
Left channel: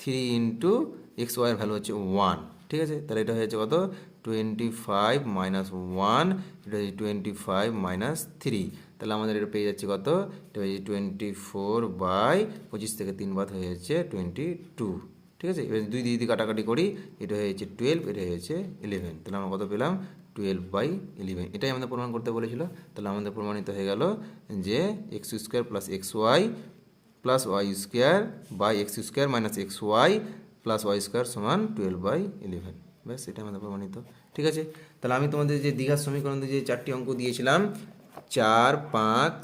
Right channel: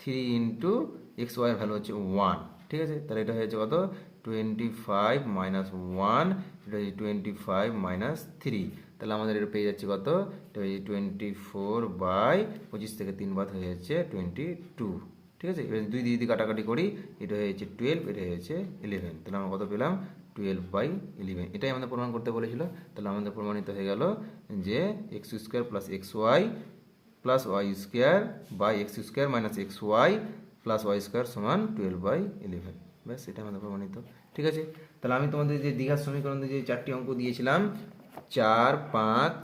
3 ইন্টু এক্স ওয়াইয়ের ভ্যালু হচ্ছে 1, ঠিক আছে, তাহলে এটা হয়ে যাচ্ছে কত 25 মাইনাস 1, এটা হচ্ছে 25 মাইনাস 3, তাহলে আমাদের এটা পেয়ে যাচ্ছে কত, এটা হচ্ছে 24 বাই 25 থেকে 3 বাদ হয়ে যাচ্ছে 22, ঠিক আছে। এবার দুই দিয়ে যদি কাটাকাটি করি এটা হয়েছে 12, এটা হয়েছে 11, তাহলে আমরা কত পেলাম 12/11, এটাই আমাদের প্রমাণ করতে বলেছিল। তাহলে আমাদের প্রমাণিত হয়ে গেল যে x square plus x y plus y square by x square minus x y plus y square সমান 12/11, ব্যাস এটা আমাদের প্রমাণিত, ঠিক আছে। তাহলে আমি তোমাদের যে দীঘার সমীকরণে যে 4টি অঙ্ক দিয়েছিলাম 4, 5,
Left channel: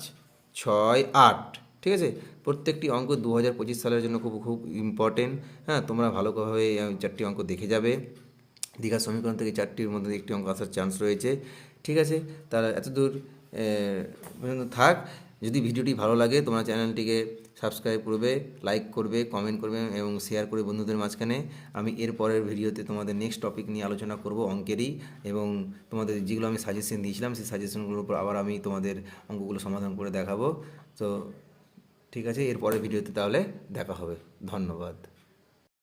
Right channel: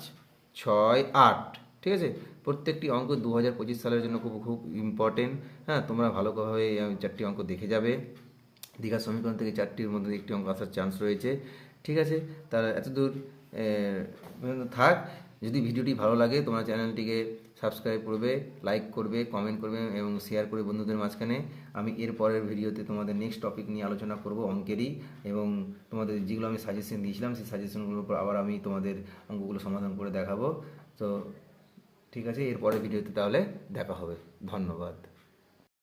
6, 8, ঠিক আছে, প্রত্যেকটি অঙ্ক 2025 সালের জন্য খুব খুব ইম্পর্টেন্ট। হ্যাঁ, তোমরা ভালোভাবে 4টি অঙ্ক দেখে যাবে। দীঘার সমীকরণ থেকে 4টির মধ্যে একটি অঙ্ক আসার চান্স রয়েছে, ঠিক আছে। তাহলে এতদূর থাক। যদি ভিডিওটি ভালো লাগে তোমরা চ্যানেলটিকে সাবস্ক্রাইব করবে, লাইক করবে, কমেন্ট করবে এবং শেয়ার করবে বন্ধুদের মাঝখানে। আমি এর পরের ভিডিওতে তোমাদের নেক্সট টপিক নিয়ে আলোচনা করব অঙ্কেরই, এবং তোমাদের যেগুলো আমি সাজেশন দিয়েছিলাম সেই সাজেশনগুলোর উপর আবার আমি তোমাদের অঙ্কগুলো সমাধান করে দেখাবো। তো ঠিক আছে, এর পরের ভিডিওতে তাহলে দেখা হবে। ধন্যবাদ।